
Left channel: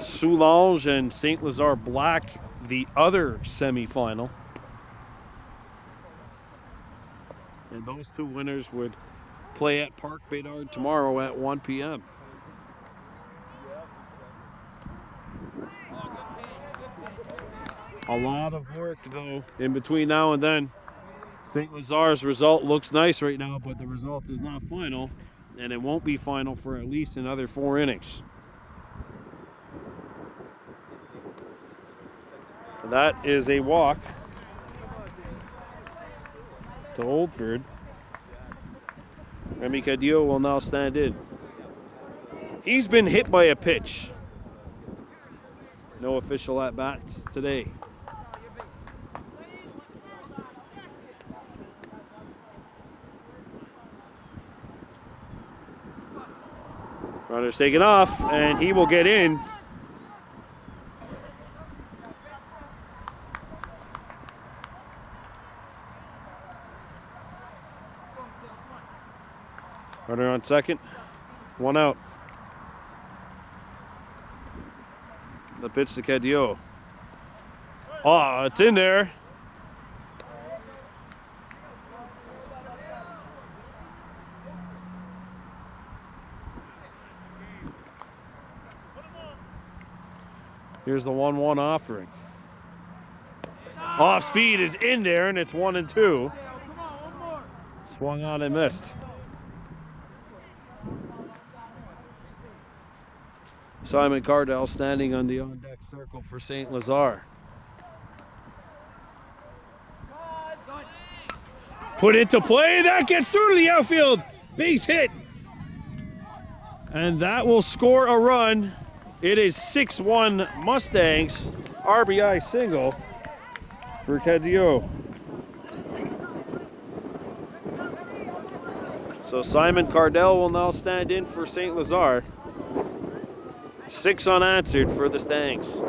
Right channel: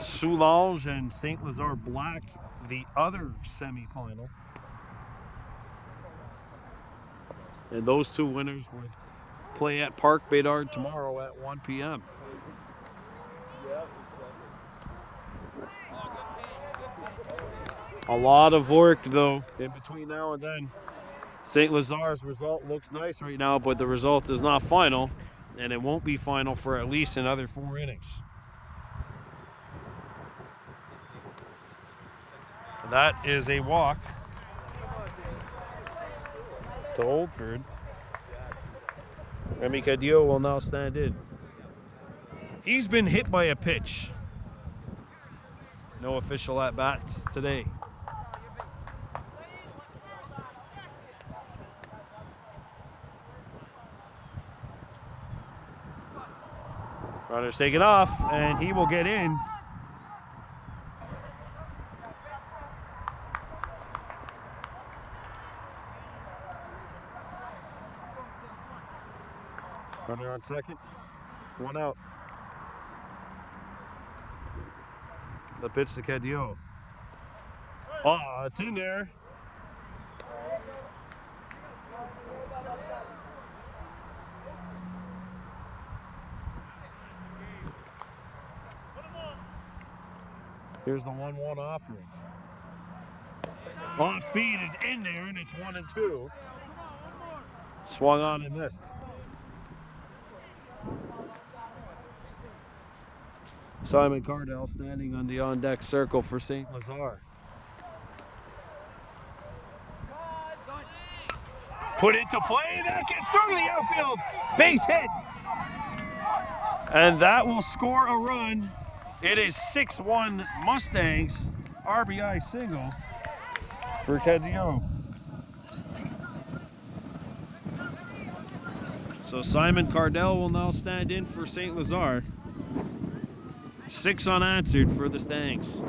Soulange and St. Lazare Black, the other semifinal. And those two winners would play at Parc Bédard tomorrow at 1 p.m. A lot of work, though, in between now and then. St. Lazare's result looks nice right now, but the result is not final, and it won't be final for at least another 4 innings. That is a walk to Oldford. Remy Cadillo will now stand in. He's been hit by a pitch. No official at-bats today. Runner's taken off, and he will get in. Runner on second, 1 out. The pitch to Cadillo. Oh, it's in there. Here's the 1-1 offering. Off speed is in there, and it's 1-2. Swung on and missed. Simon Cardell standing on the on-deck circle for St. Lazare. Put into play, that gets through to the outfield. Base hit. And that will score a run. It is 6-1 Mustangs. RBI single for Kedzio. So Simon Cardell will now stand in for St. Lazare. 6 unanswered for the Stangs.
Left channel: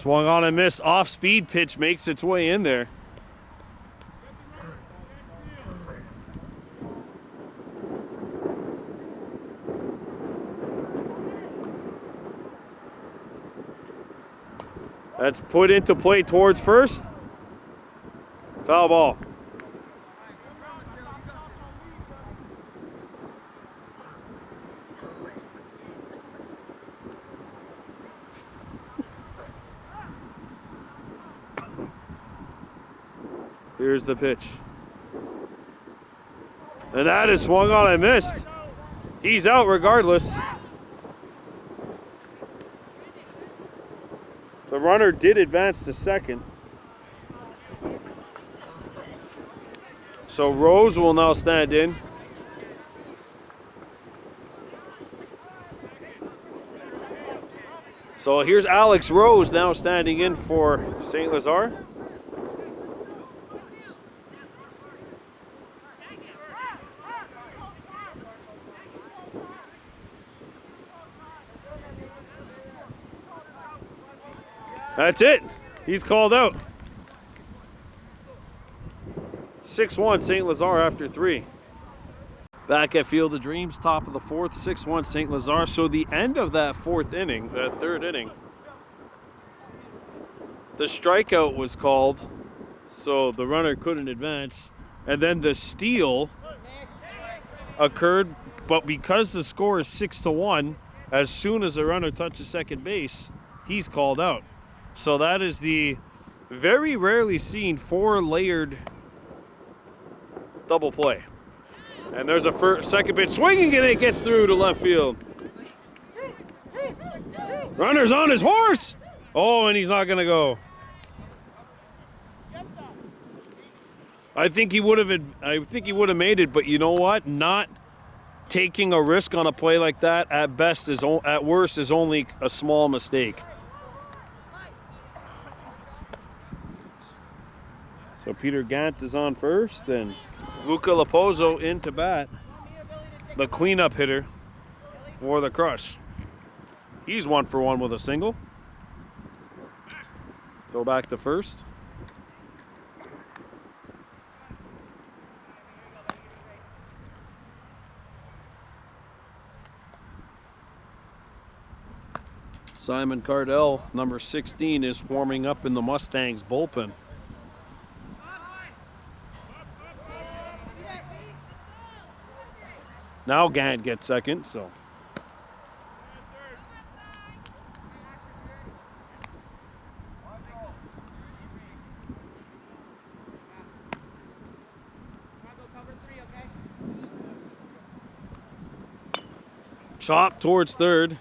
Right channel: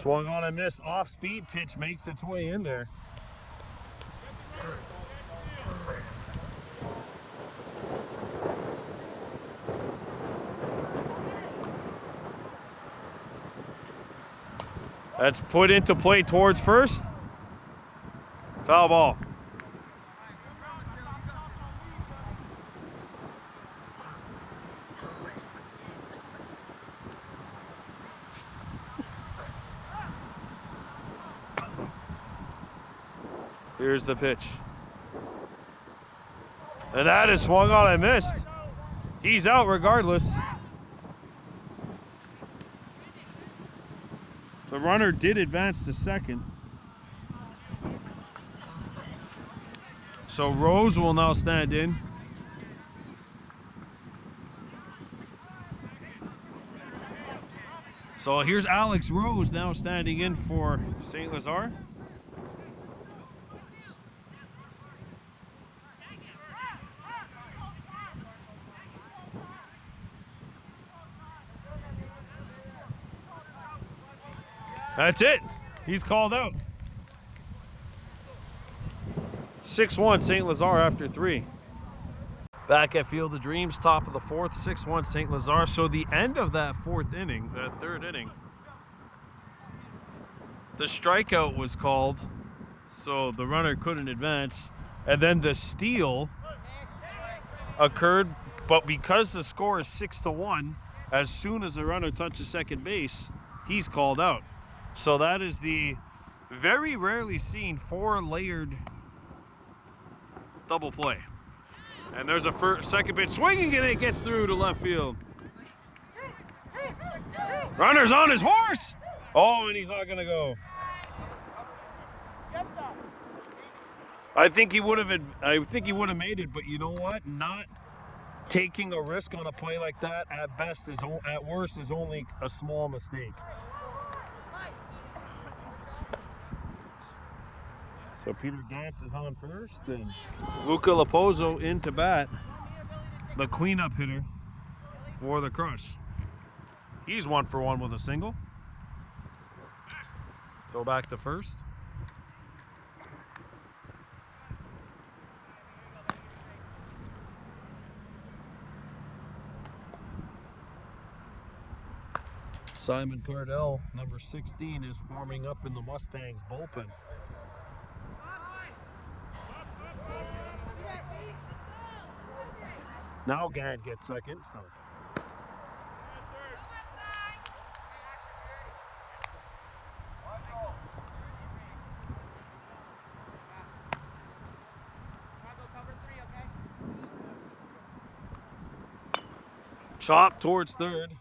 Swung on and missed. Off-speed pitch makes its way in there. That's put into play towards first. Foul ball. Here's the pitch. And that is swung on and missed. He's out regardless. The runner did advance to second. So Rose will now stand in. So here's Alex Rose now standing in for St. Lazare. That's it. He's called out. 6-1 St. Lazare after 3. Back at Field of Dreams, top of the 4th, 6-1 St. Lazare. So the end of that 4th inning, that 3rd inning, the strikeout was called, so the runner couldn't advance. And then the steal occurred, but because the score is 6-1, as soon as the runner touches second base, he's called out. So that is the very rarely seen 4-layered double play. And there's a second pitch swinging, and it gets through to left field. Runner's on his horse. Oh, and he's not going to go. I think he would have made it, but you know what? Not taking a risk on a play like that at worst is only a small mistake. So Peter Gant is on first, and Luca Lapozo in to bat, the cleanup hitter for the Crush. He's 1 for 1 with a single. Go back to first. Simon Cardell, number 16, is warming up in the Mustangs bullpen. Now Gant gets second, so. Chop towards third,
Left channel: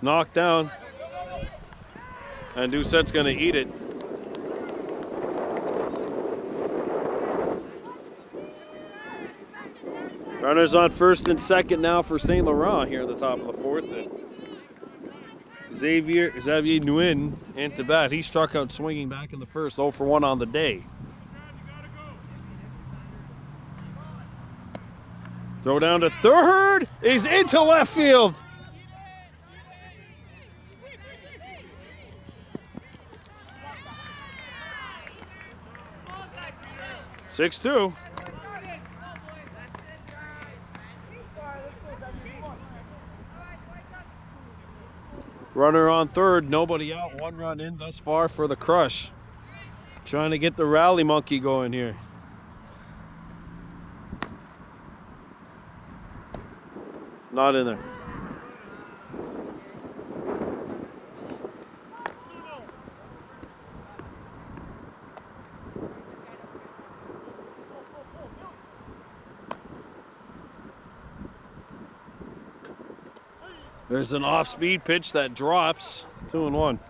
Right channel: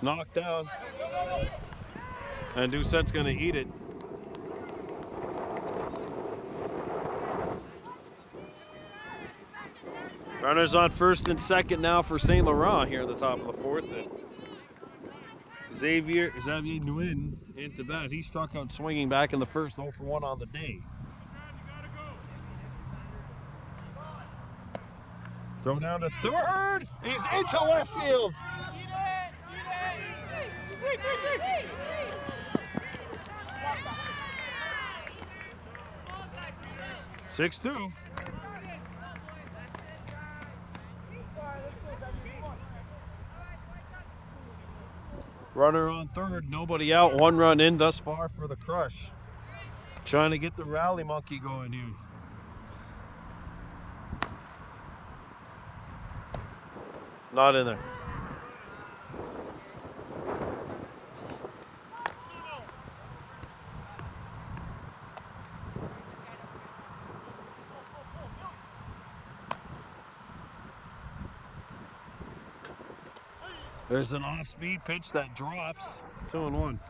knocked down, and Doucette's gonna eat it. Runners on first and second now for St. Laurent here at the top of the 4th. And Xavier Nguyen into bat. He struck out swinging back in the first, 0 for 1 on the day. Throw down to third. He's into left field. Six-2. Runner on third, nobody out, 1 run in thus far for the Crush. Trying to get the rally monkey going here. Not in there. There's an off-speed pitch that drops. 2-1.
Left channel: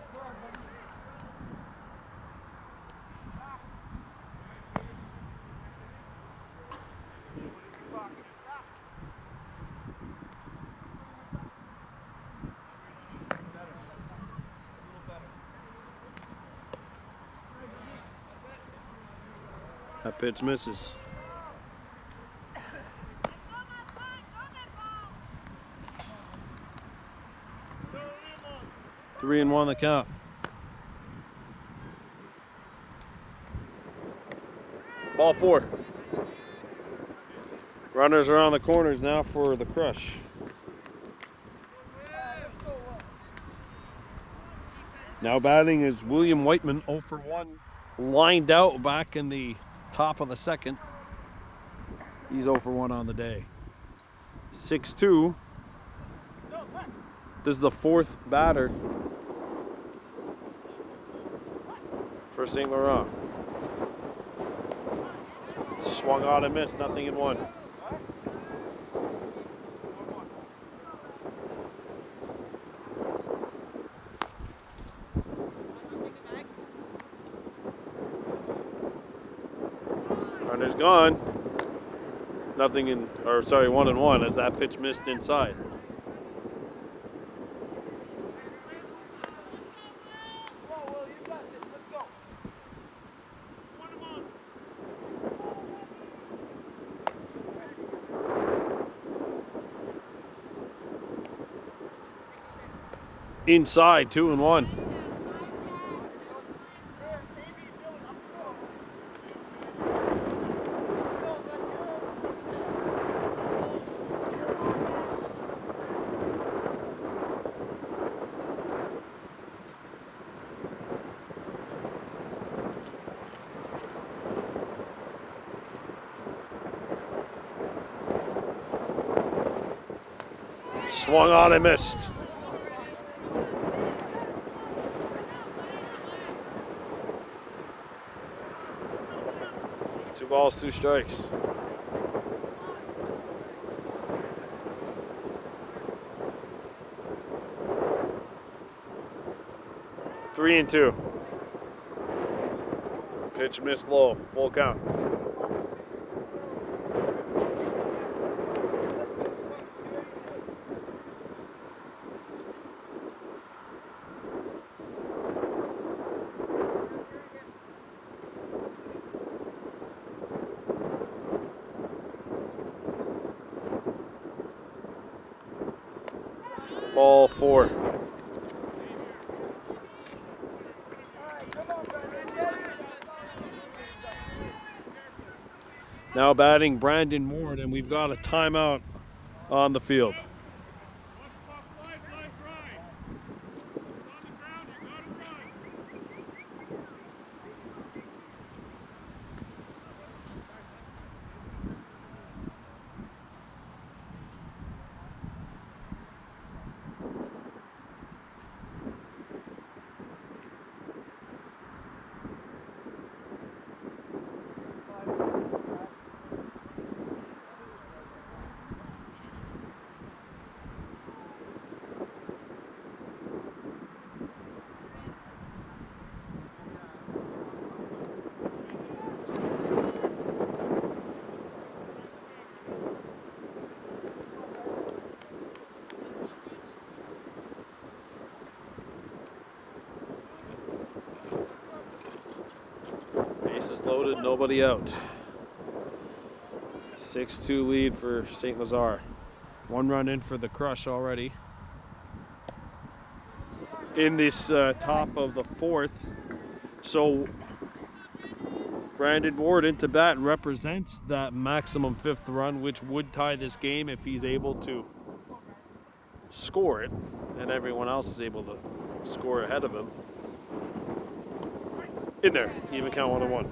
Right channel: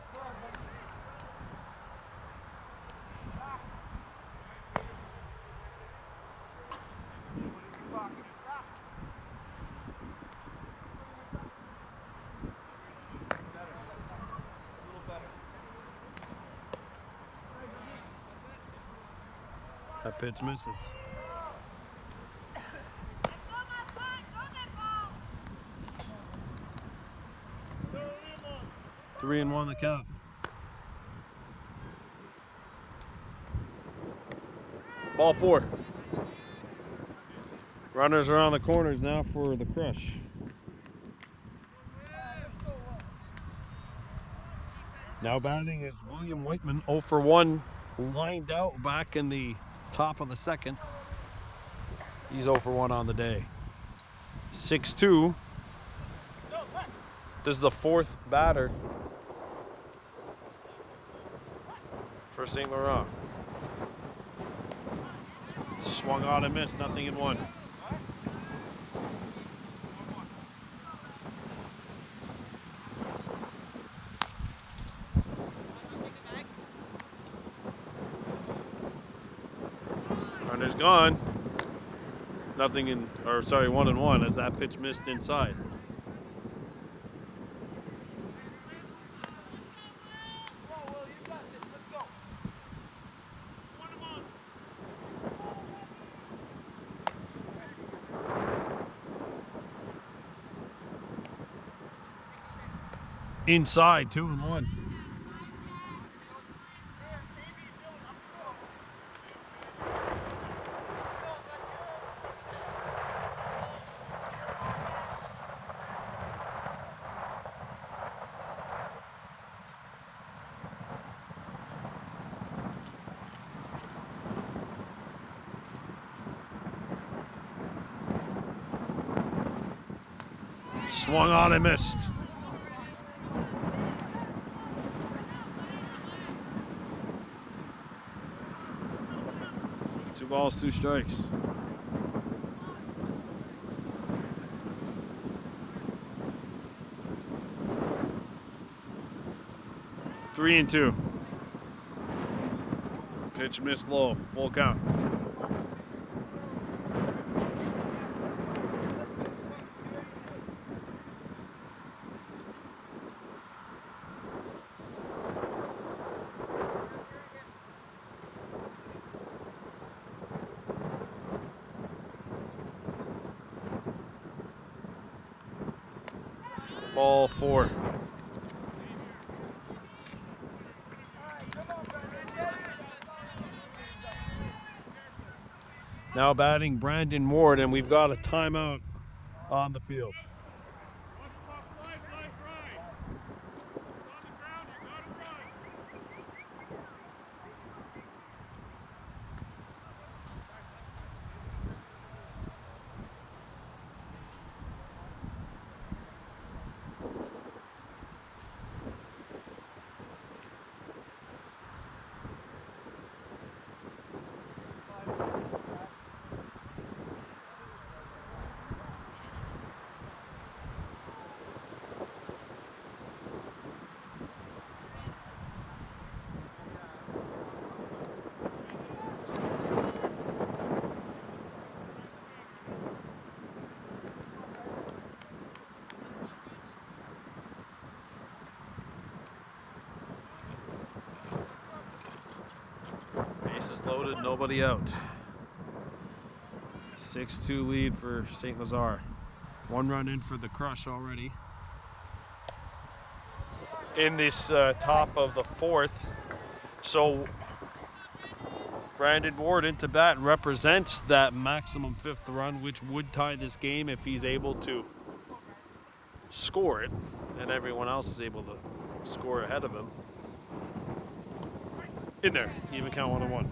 That pitch misses. 3-1 the count. Ball 4. Runners are on the corners now for the Crush. Now batting is William Whiteman, 0 for 1, lined out back in the top of the second. He's 0 for 1 on the day. 6-2. This is the 4th batter for St. Laurent. Swung on and missed, nothing in 1. Runner's gone. Nothing in, or sorry, 1-1 as that pitch missed inside. Inside, 2-1. Swung on and missed. 2 balls, 2 strikes. Three and 2. Pitch missed low, full count. Ball 4. Now batting Brandon Ward, and we've got a timeout on the field. Bases loaded, nobody out. 6-2 lead for St. Lazare. 1 run in for the Crush already. In this top of the 4th. So Brandon Ward into bat represents that maximum 5th run, which would tie this game if he's able to score it, and everyone else is able to score ahead of him. In there, even count 1-1.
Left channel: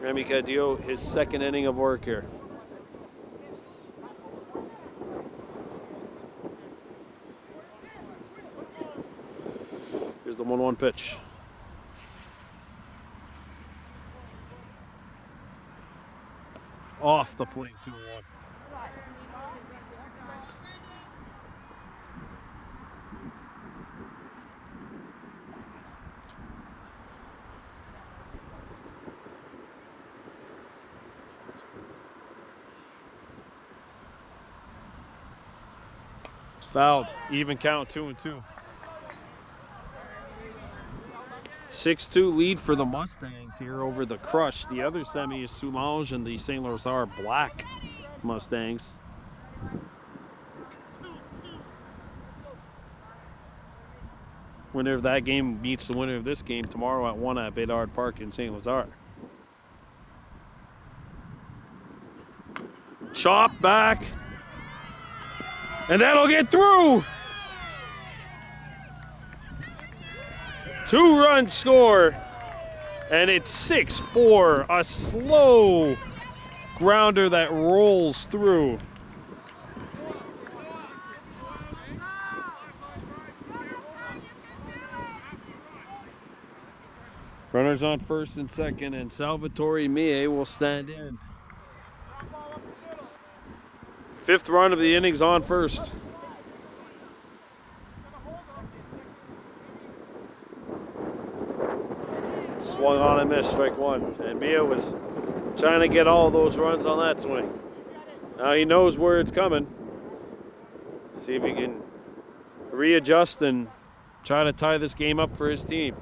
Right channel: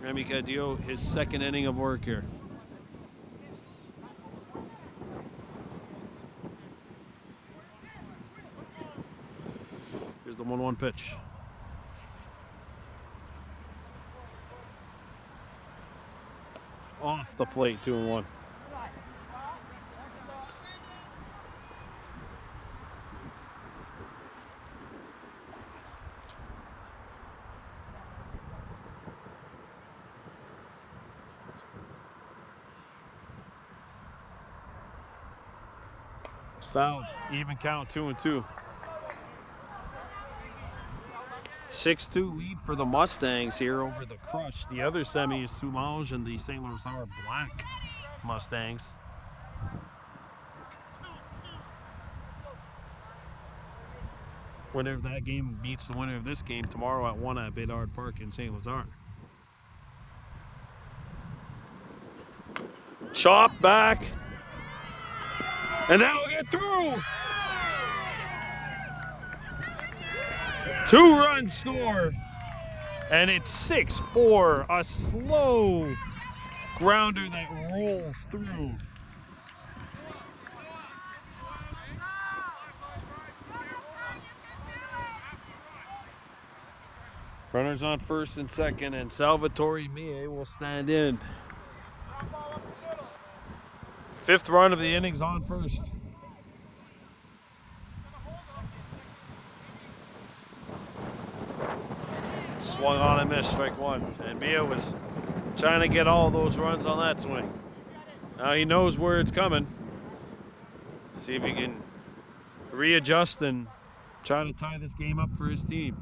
Remy Cadillo, his 2nd inning of work here. Here's the 1-1 pitch. Off the plate, 2-1. Fouled. Even count, 2-2. 6-2 lead for the Mustangs here over the Crush. The other semi is Soulange and the St. Lazare Black Mustangs. Winner of that game beats the winner of this game tomorrow at 1 at Bédard Park in St. Lazare. Chop back. And that'll get through. 2-run score. And it's 6-4. A slow grounder that rolls through. Runners on first and second, and Salvatore Mie will stand in. 5th run of the innings on first. Swung on and missed, strike one. And Mie was trying to get all those runs on that swing. Now he knows where it's coming. See if he can readjust and try to tie this game up for his team.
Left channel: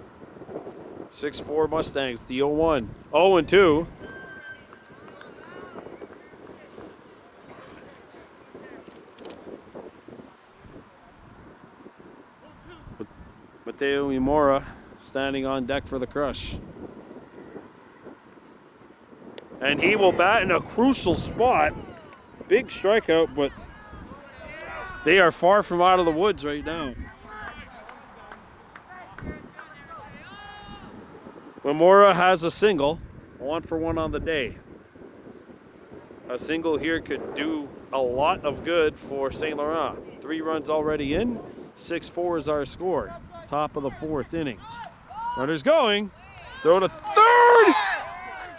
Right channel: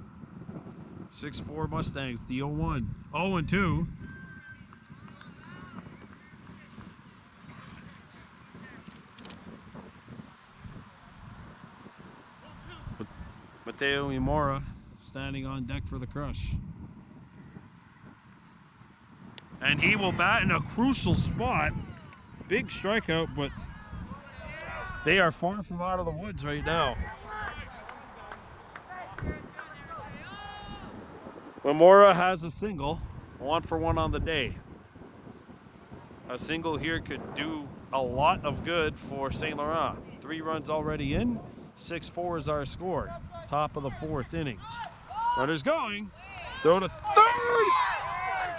6-4 Mustangs, the 0-1. 0-2. Mateo Imora standing on deck for the Crush. And he will bat in a crucial spot. Big strikeout, but they are far from out of the woods right now. Imora has a single, 1-for-1 on the day. A single here could do a lot of good for St. Laurent. 3 runs already in, 6-4 is our score. Top of the 4th inning. Runner's going, throw to third.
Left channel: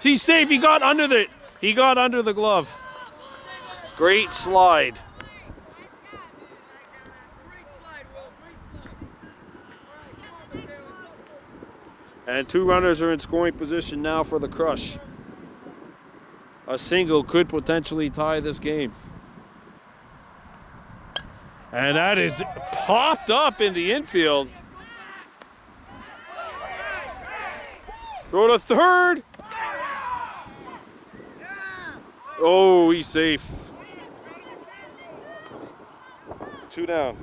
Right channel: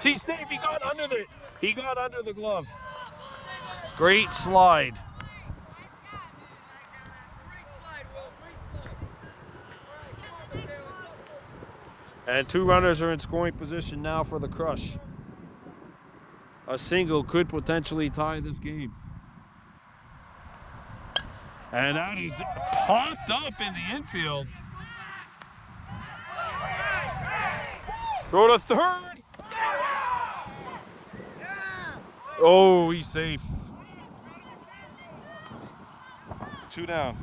He's safe. He got under the glove. Great slide. And 2 runners are in scoring position now for the Crush. A single could potentially tie this game. And that is popped up in the infield. Throw to third. Oh, he's safe. 2 down.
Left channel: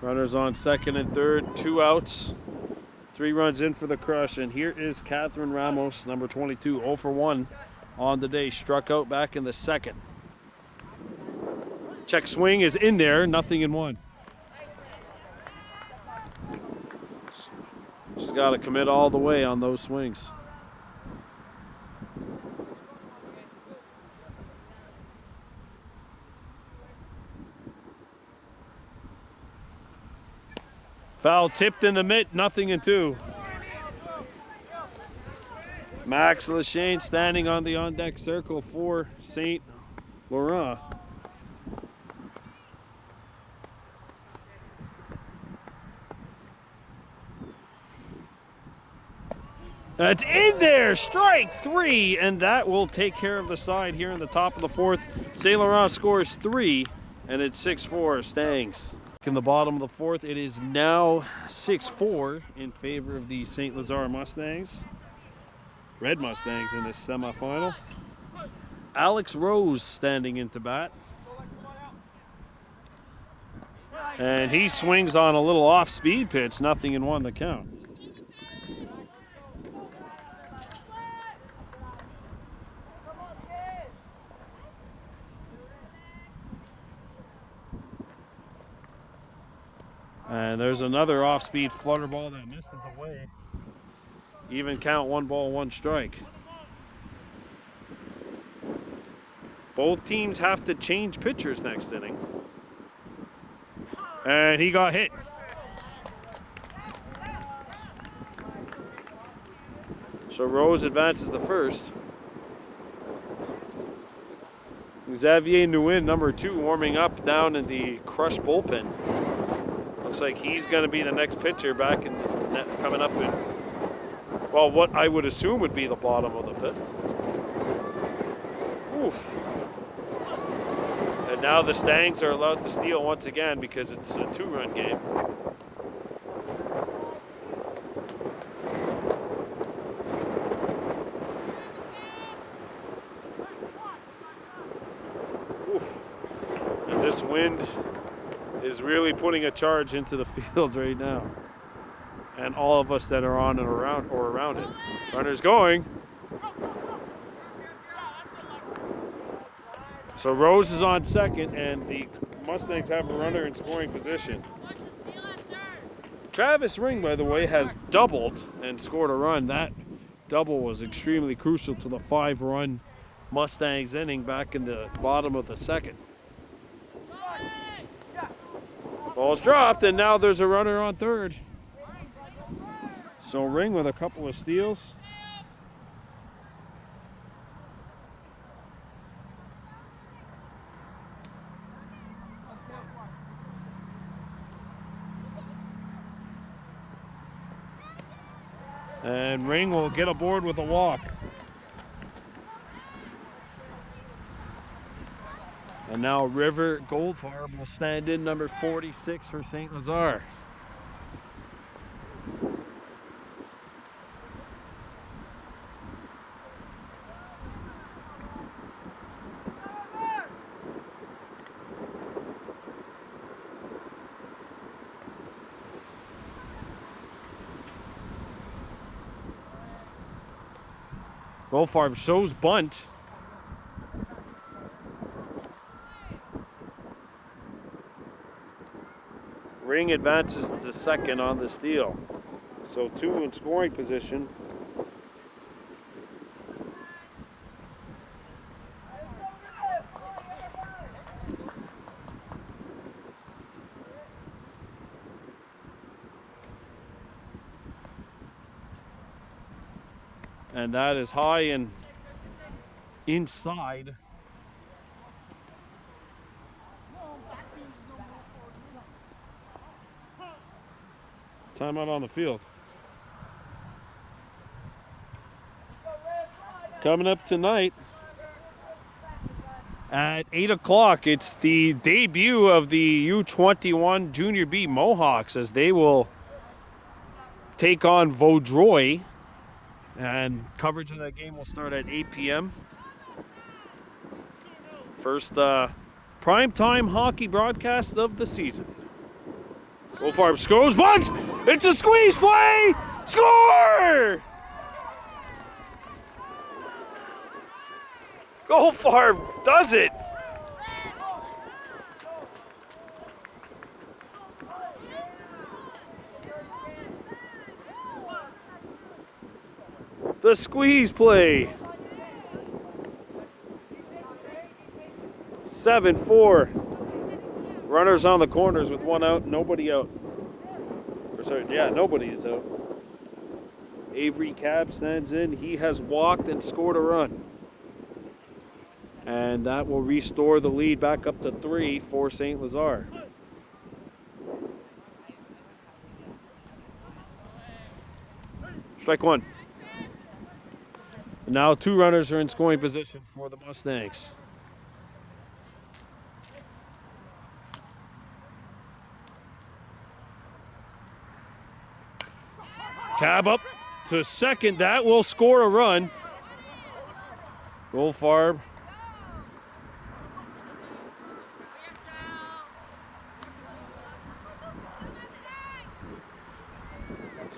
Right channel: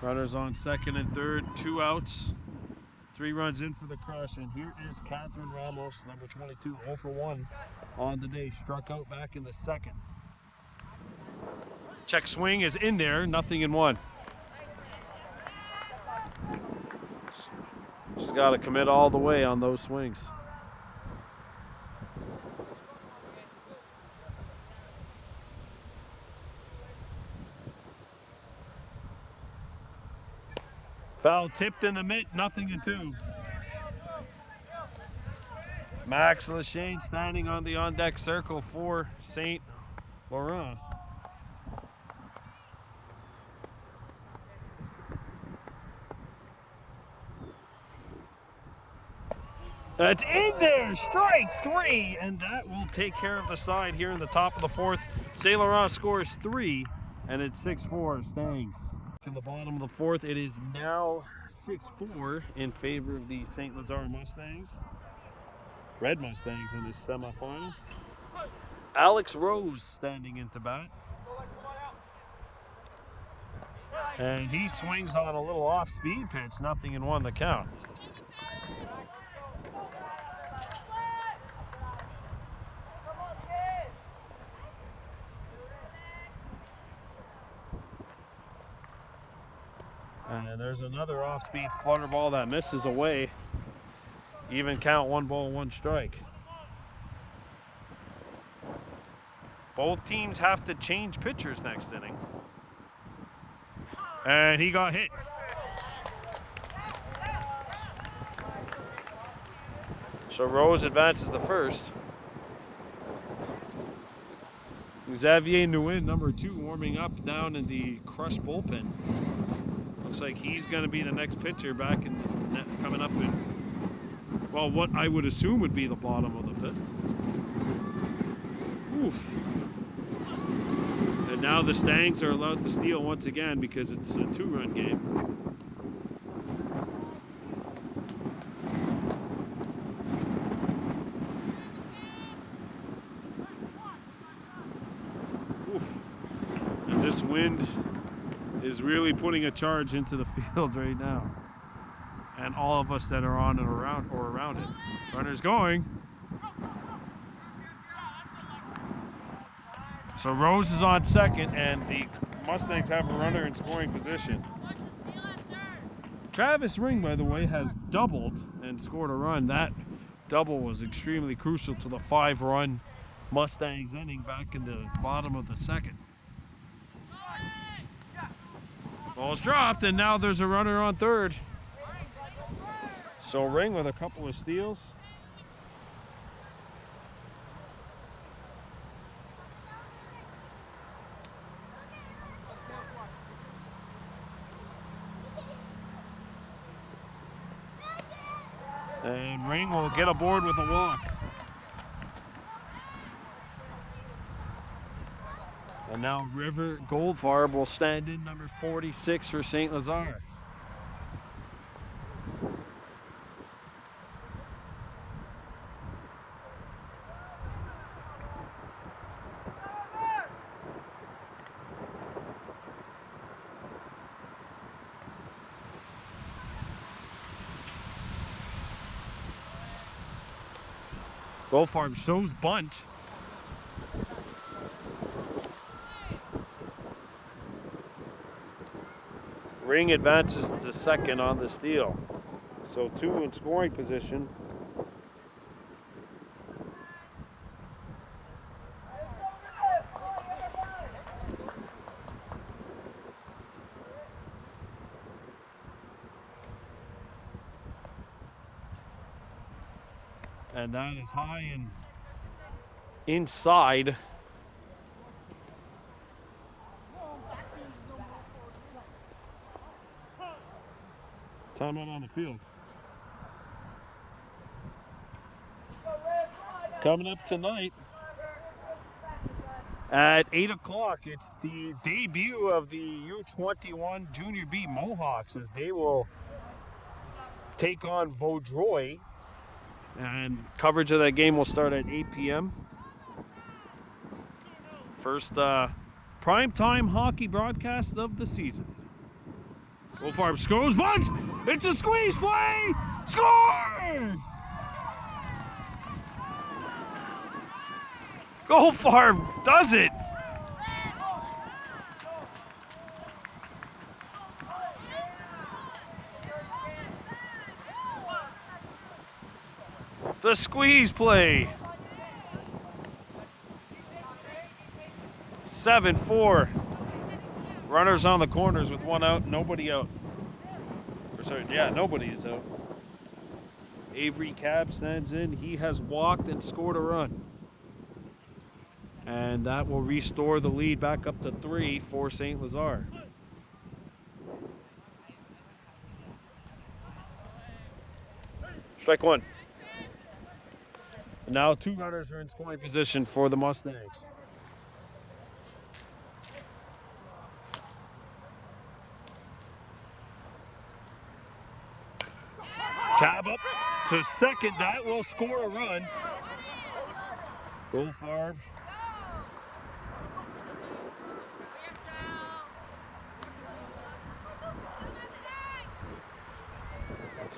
Runners on second and third, 2 outs. 3 runs in for the Crush, and here is Catherine Ramos, number 22, 0-for-1 on the day. Struck out back in the 2nd. Check swing is in there, nothing in 1. Just got to commit all the way on those swings. Foul tipped in the mitt, nothing in 2. Max Lachane standing on the on-deck circle for St. Laurent. That's in there, strike 3, and that will take care of the side here in the top of the 4th. St. Laurent scores 3, and it's 6-4 Stangs. In the bottom of the 4th, it is now 6-4 in favor of the St. Lazare Mustangs. Red Mustangs in this semifinal. Alex Rose standing into bat. And he swings on a little off-speed pitch, nothing in 1 the count. And there's another off-speed flutter ball that misses away. Even count, 1 ball, 1 strike. Both teams have to change pitchers next inning. And he got hit. So Rose advances the first. Xavier Nguyen, number 2, warming up down in the Crush bullpen. looks like he's going to be the next pitcher back in the net, coming up in, well, what I would assume would be the bottom of the 5th. Oof. And now the Stangs are allowed to steal once again because it's a 2-run game. Oof. And this wind is really putting a charge into the field right now. And all of us that are on and around it. Runners going. So Rose is on second, and the Mustangs have a runner in scoring position. Travis Ring, by the way, has doubled and scored a run. That double was extremely crucial to the 5-run Mustangs inning back in the bottom of the 2nd. Ball's dropped, and now there's a runner on 3rd. So Ring with a couple of steals. And Ring will get aboard with a walk. And now River Goldfarb will stand in number 46 for St. Lazare. Goldfarb shows bunt. Ring advances to 2nd on the steal. So 2 in scoring position. And that is high and inside. Timeout on the field. Coming up tonight at 8 o'clock, it's the debut of the U-21 Junior B Mohawks as they will take on Vaudreuil. And coverage of that game will start at 8 p.m. First primetime hockey broadcast of the season. Goldfarb scores, bunt! It's a squeeze play! Score! Goldfarb does it! The squeeze play. 7-4. Runners on the corners with 1 out, nobody out. Or sorry, yeah, nobody is out. Avery Cab stands in. He has walked and scored a run. And that will restore the lead back up to 3 for St. Lazare. Strike 1. Now 2 runners are in scoring position for the Mustangs. Cab up to 2nd. That will score a run. Goldfarb.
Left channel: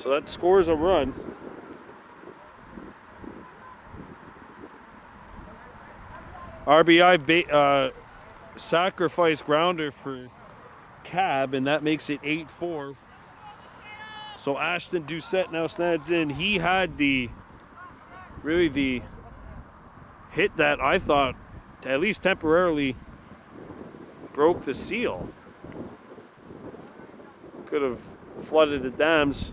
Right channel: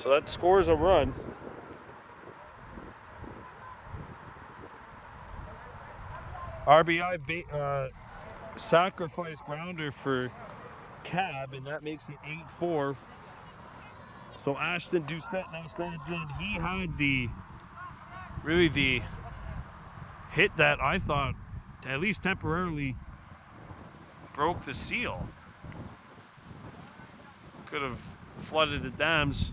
So that scores a run. RBI sacrifice grounder for Cab, and that makes it 8-4. So Ashton Doucette now stands in. He had the hit that I thought at least temporarily broke the seal. Could have flooded the dams.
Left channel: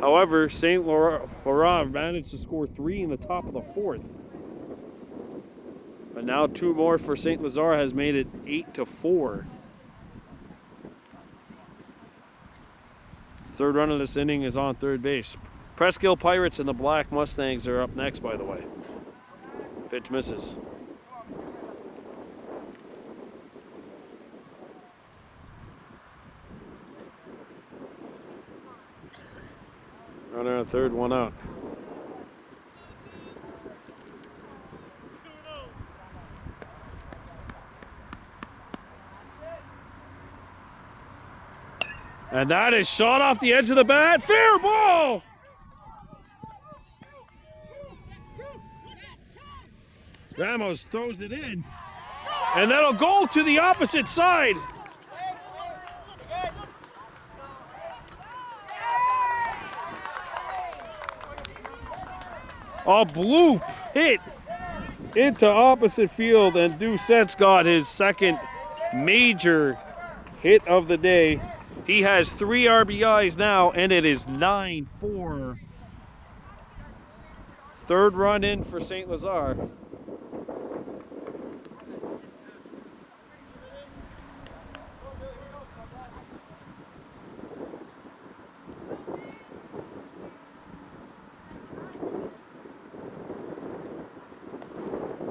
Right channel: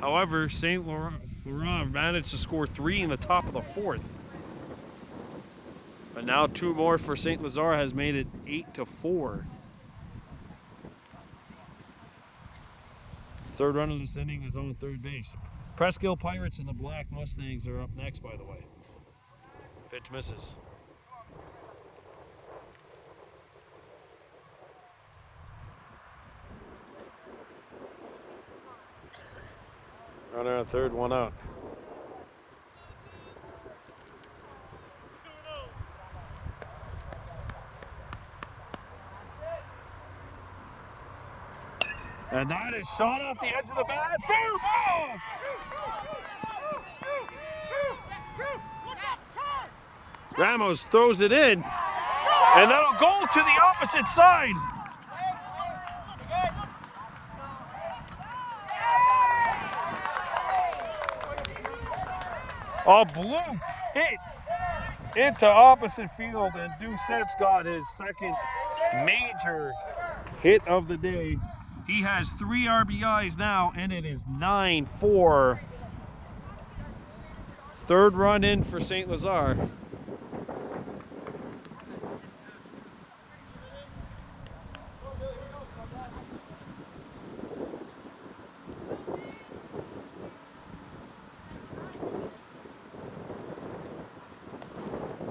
However, St. Laurent managed to score 3 in the top of the 4th. But now 2 more for St. Lazare has made it 8-4. Third run of this inning is on third base. Presskill Pirates and the Black Mustangs are up next, by the way. Pitch misses. Runner on third, one out. And that is shot off the edge of the bat. Fair ball! Ramos throws it in. And that'll go to the opposite side. A bloop hit into opposite field, and Doucette's got his second major hit of the day. He has 3 RBIs now, and it is 9-4. Third run in for St. Lazare.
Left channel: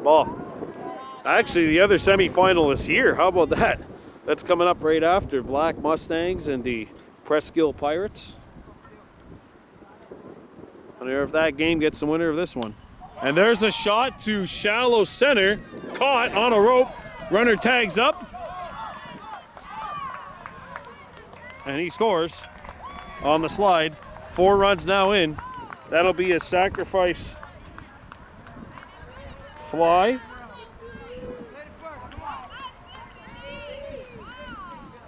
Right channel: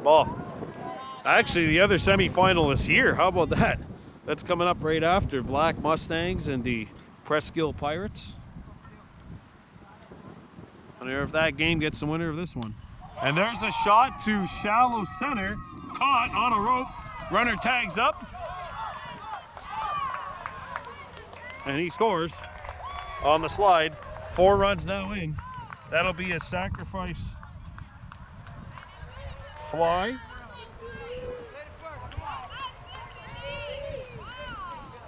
Ball. Actually, the other semifinal is here. How about that? That's coming up right after Black Mustangs and the Presskill Pirates. I wonder if that game gets the winner of this one. And there's a shot to shallow center. Caught on a rope. Runner tags up. And he scores on the slide. 4 runs now in. That'll be a sacrifice fly.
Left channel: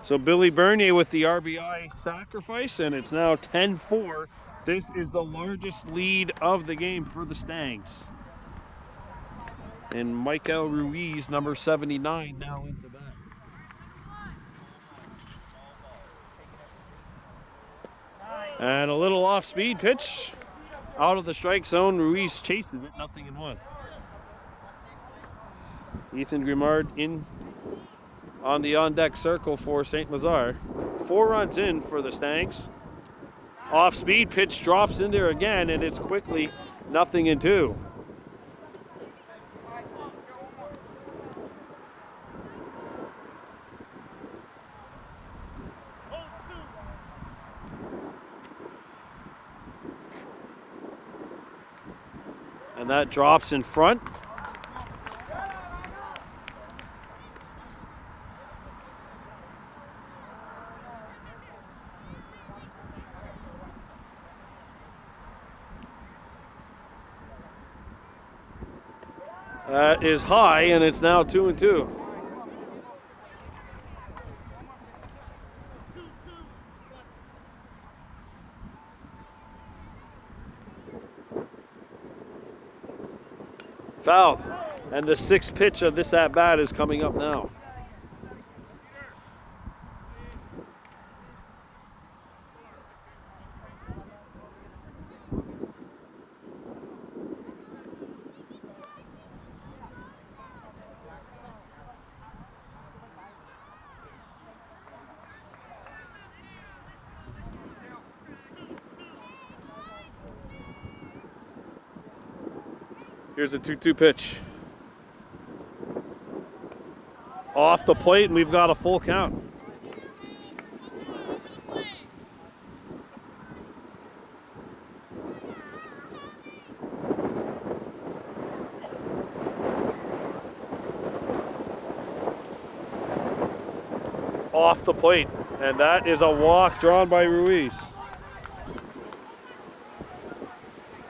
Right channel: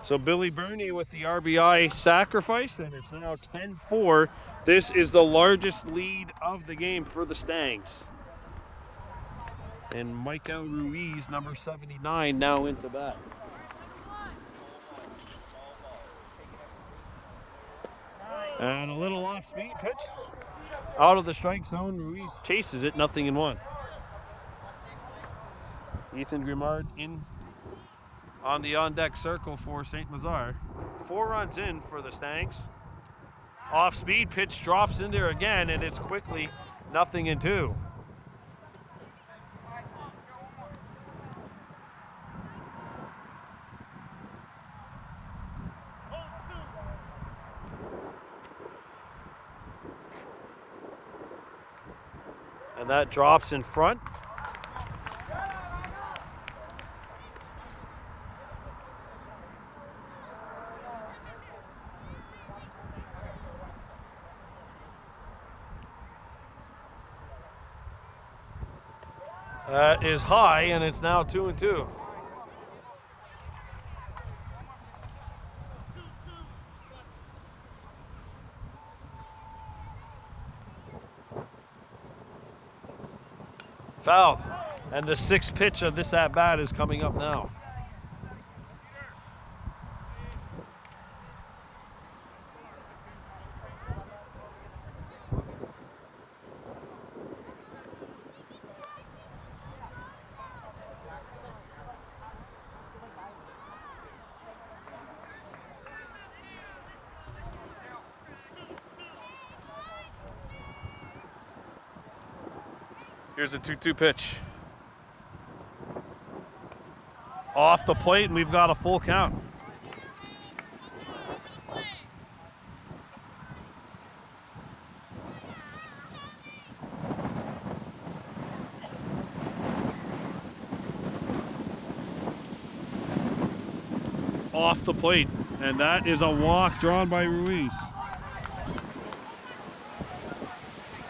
So Billy Bernier with the RBI sacrifice, and it's now 10-4. This is the largest lead of the game for the Stangs. And Michael Ruiz, number 79, now into bat. And a little off-speed pitch. Out of the strike zone, Ruiz chases it, 0-1. Ethan Grimard in on the on-deck circle for St. Lazare. 4 runs in for the Stangs. Off-speed pitch drops in there again, and it's quickly 0-2. And that drops in front. That is high, and it's now 2-2. Foul. And the 6th pitch of this at-bat is coming up now. Here's a 2-2 pitch. Off the plate, and we've got a full count. Off the plate, and that is a walk drawn by Ruiz.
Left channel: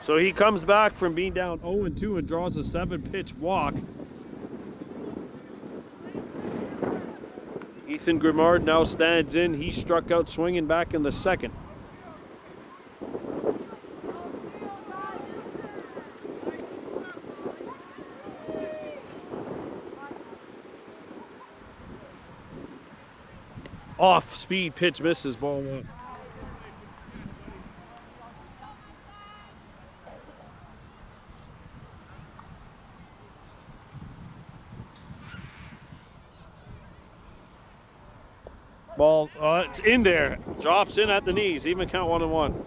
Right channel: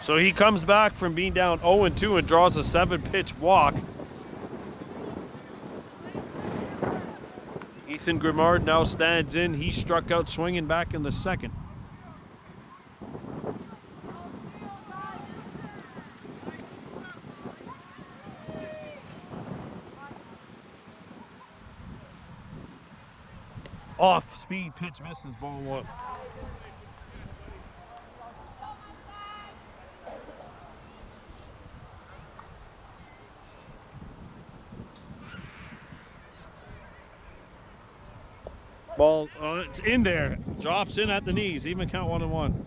So he comes back from being down 0-2 and draws a 7-pitch walk. Ethan Grimard now stands in. He struck out swinging back in the 2nd. Off-speed pitch misses, ball 1. Ball, it's in there. Drops in at the knees. Even count 1-1.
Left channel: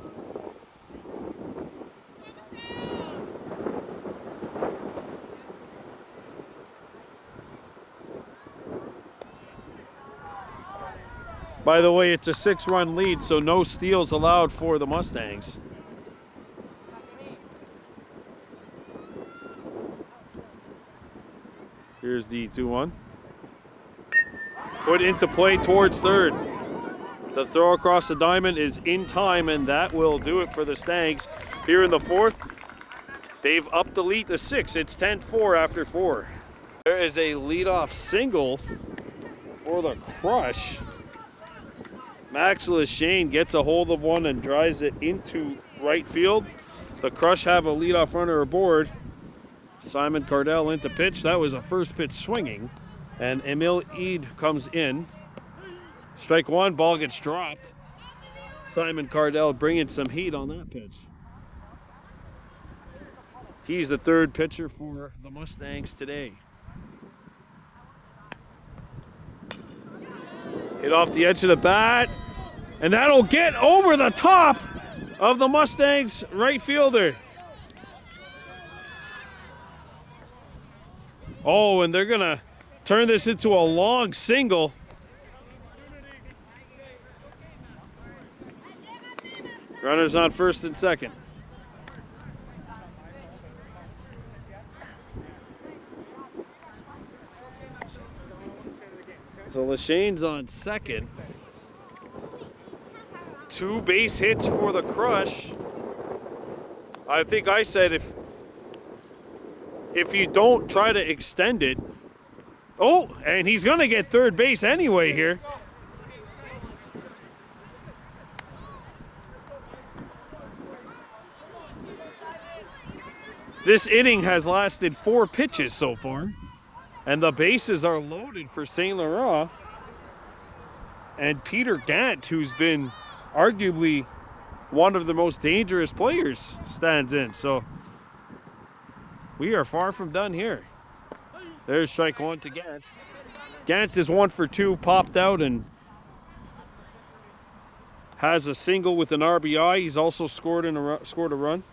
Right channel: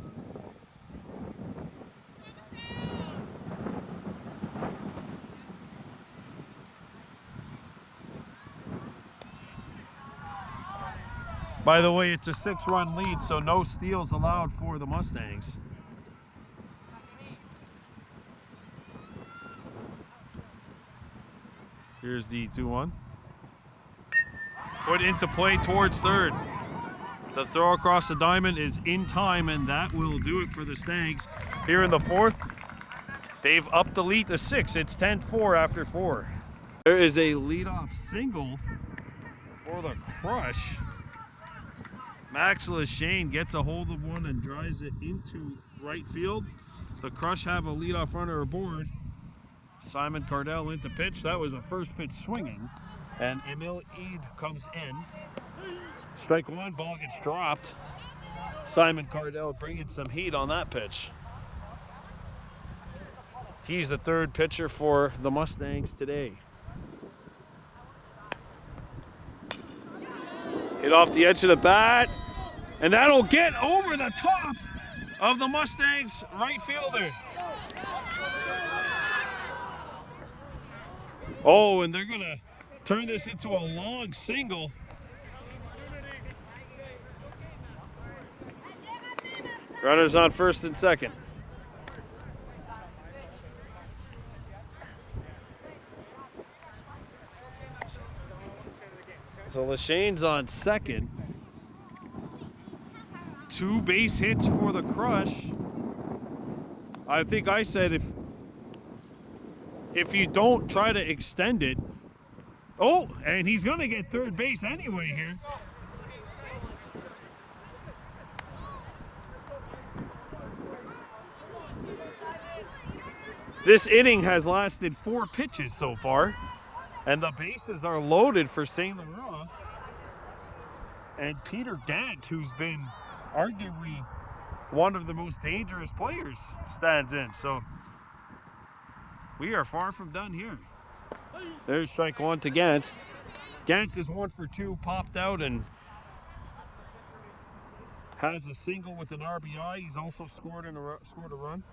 By the way, it's a 6-run lead, so no steals allowed for the Mustangs. Here's the 2-1. Put into play towards third. The throw across the diamond is in time, and that will do it for the Stangs. Here in the fourth, they've upped the lead to 6. It's 10-4 after 4. There is a leadoff single for the Crush. Max Lachane gets a hold of one and drives it into right field. The Crush have a leadoff runner aboard. Simon Cardell into pitch. That was a first pitch swinging. And Emil Eid comes in. Strike one, ball gets dropped. Simon Cardell bringing some heat on that pitch. He's the third pitcher for the Mustangs today. Hit off the edge of the bat, and that'll get over the top of the Mustangs right fielder. Oh, and they're gonna turn this into a long single. Runners on first and second. So Lachane's on second. 2 base hits for the Crush. I think I said if you don't try to extend it. Oh, and he's gonna get third base anyway here. This inning has lasted 4 pitches so far, and the bases are loaded for St. Laurent. And Peter Gant, who's been arguably one of the most dangerous players, stands in. So we are far from done here. There's strike one to Gant. Gant is 1 for 2, popped out and has a single with an RBI. He's also scored a run.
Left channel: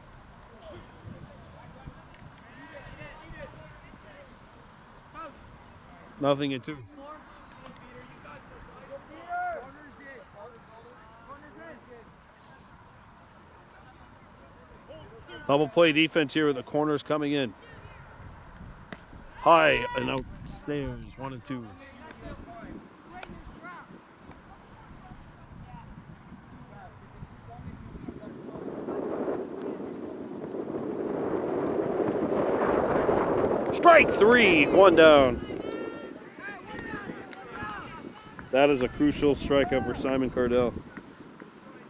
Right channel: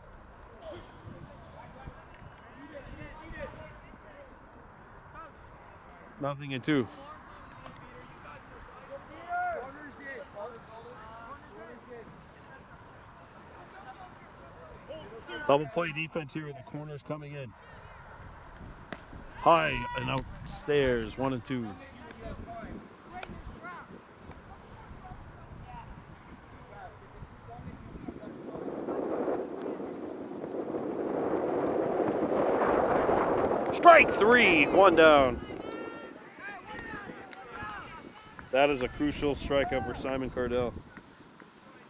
Nothing in 2. Double play defense here with the corners coming in. High and upstairs, 1 and 2. Strike 3, 1 down. That is a crucial strikeout for Simon Cardell.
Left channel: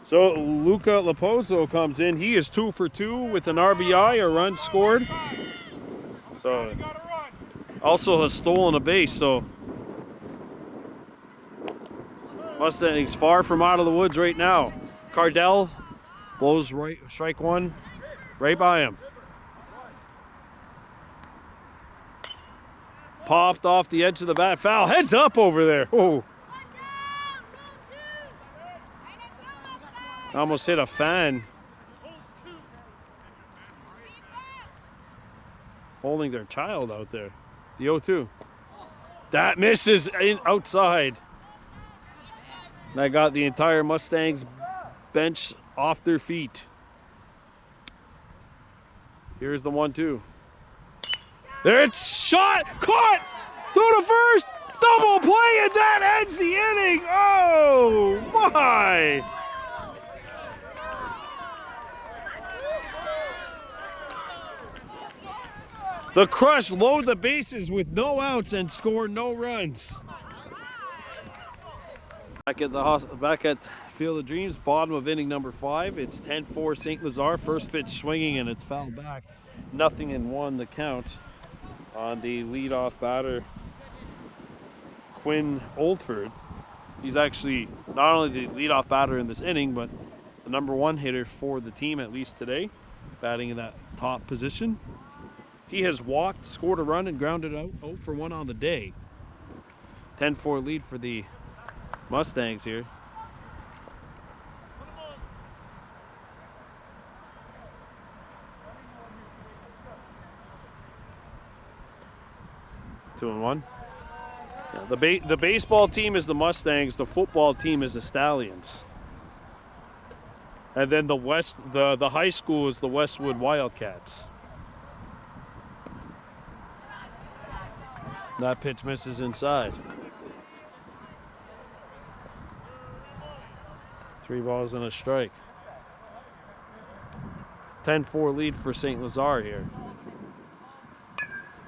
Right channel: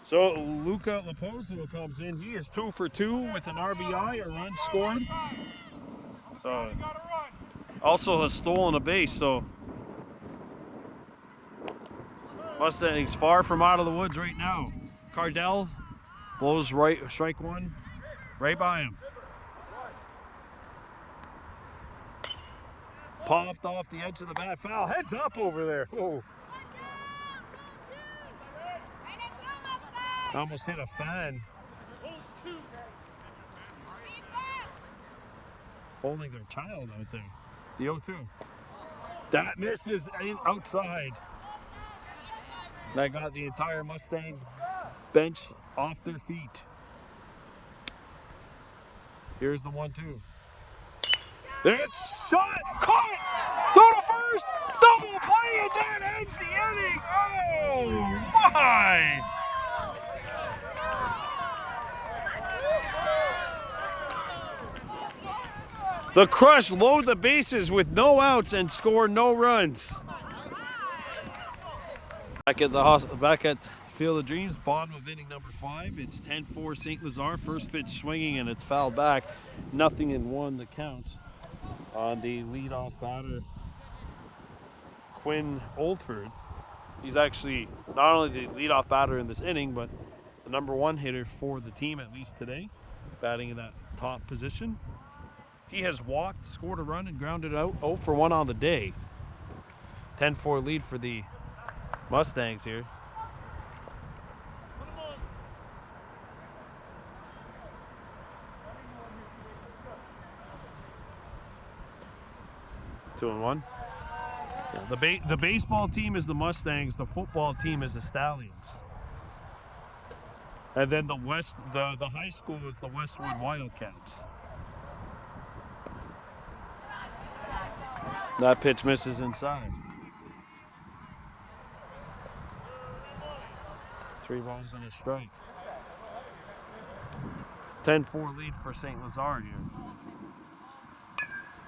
So Luca Laposo comes in. He is 2 for 2 with an RBI, a run scored. So also has stolen a base. So Mustangs far from out of the woods right now. Cardell blows right, strike 1, right by him. Popped off the edge of the bat. Foul. Heads up over there. Oh. Almost hit a fan. Holding their child out there. The 0-2. That misses outside. That got the entire Mustangs bench off their feet. Here's the 1-2. There it's shot, caught, throw to first, double play, and that ends the inning. Oh my! The Crush load the bases with no outs and score no runs. Back at Field of Dreams, bottom of inning number 5. It's 10-4 St. Lazare. First pitch swinging and it's fouled back. 0-1 the count on the leadoff batter, Quinn Oldford. He's actually not only the leadoff batter in this inning, but the number 1 hitter for the team, at least today, batting in that top position. He has walked, scored a run, and grounded out 0 for 1 on the day. 10-4 lead for the Mustangs here. Two and one. Yeah, the baseball team is the Mustangs. The football team is the Stallions. And then the high school is the Westwood Wildcats. That pitch misses inside. 3 balls and a strike. 10-4 lead for St. Lazare here.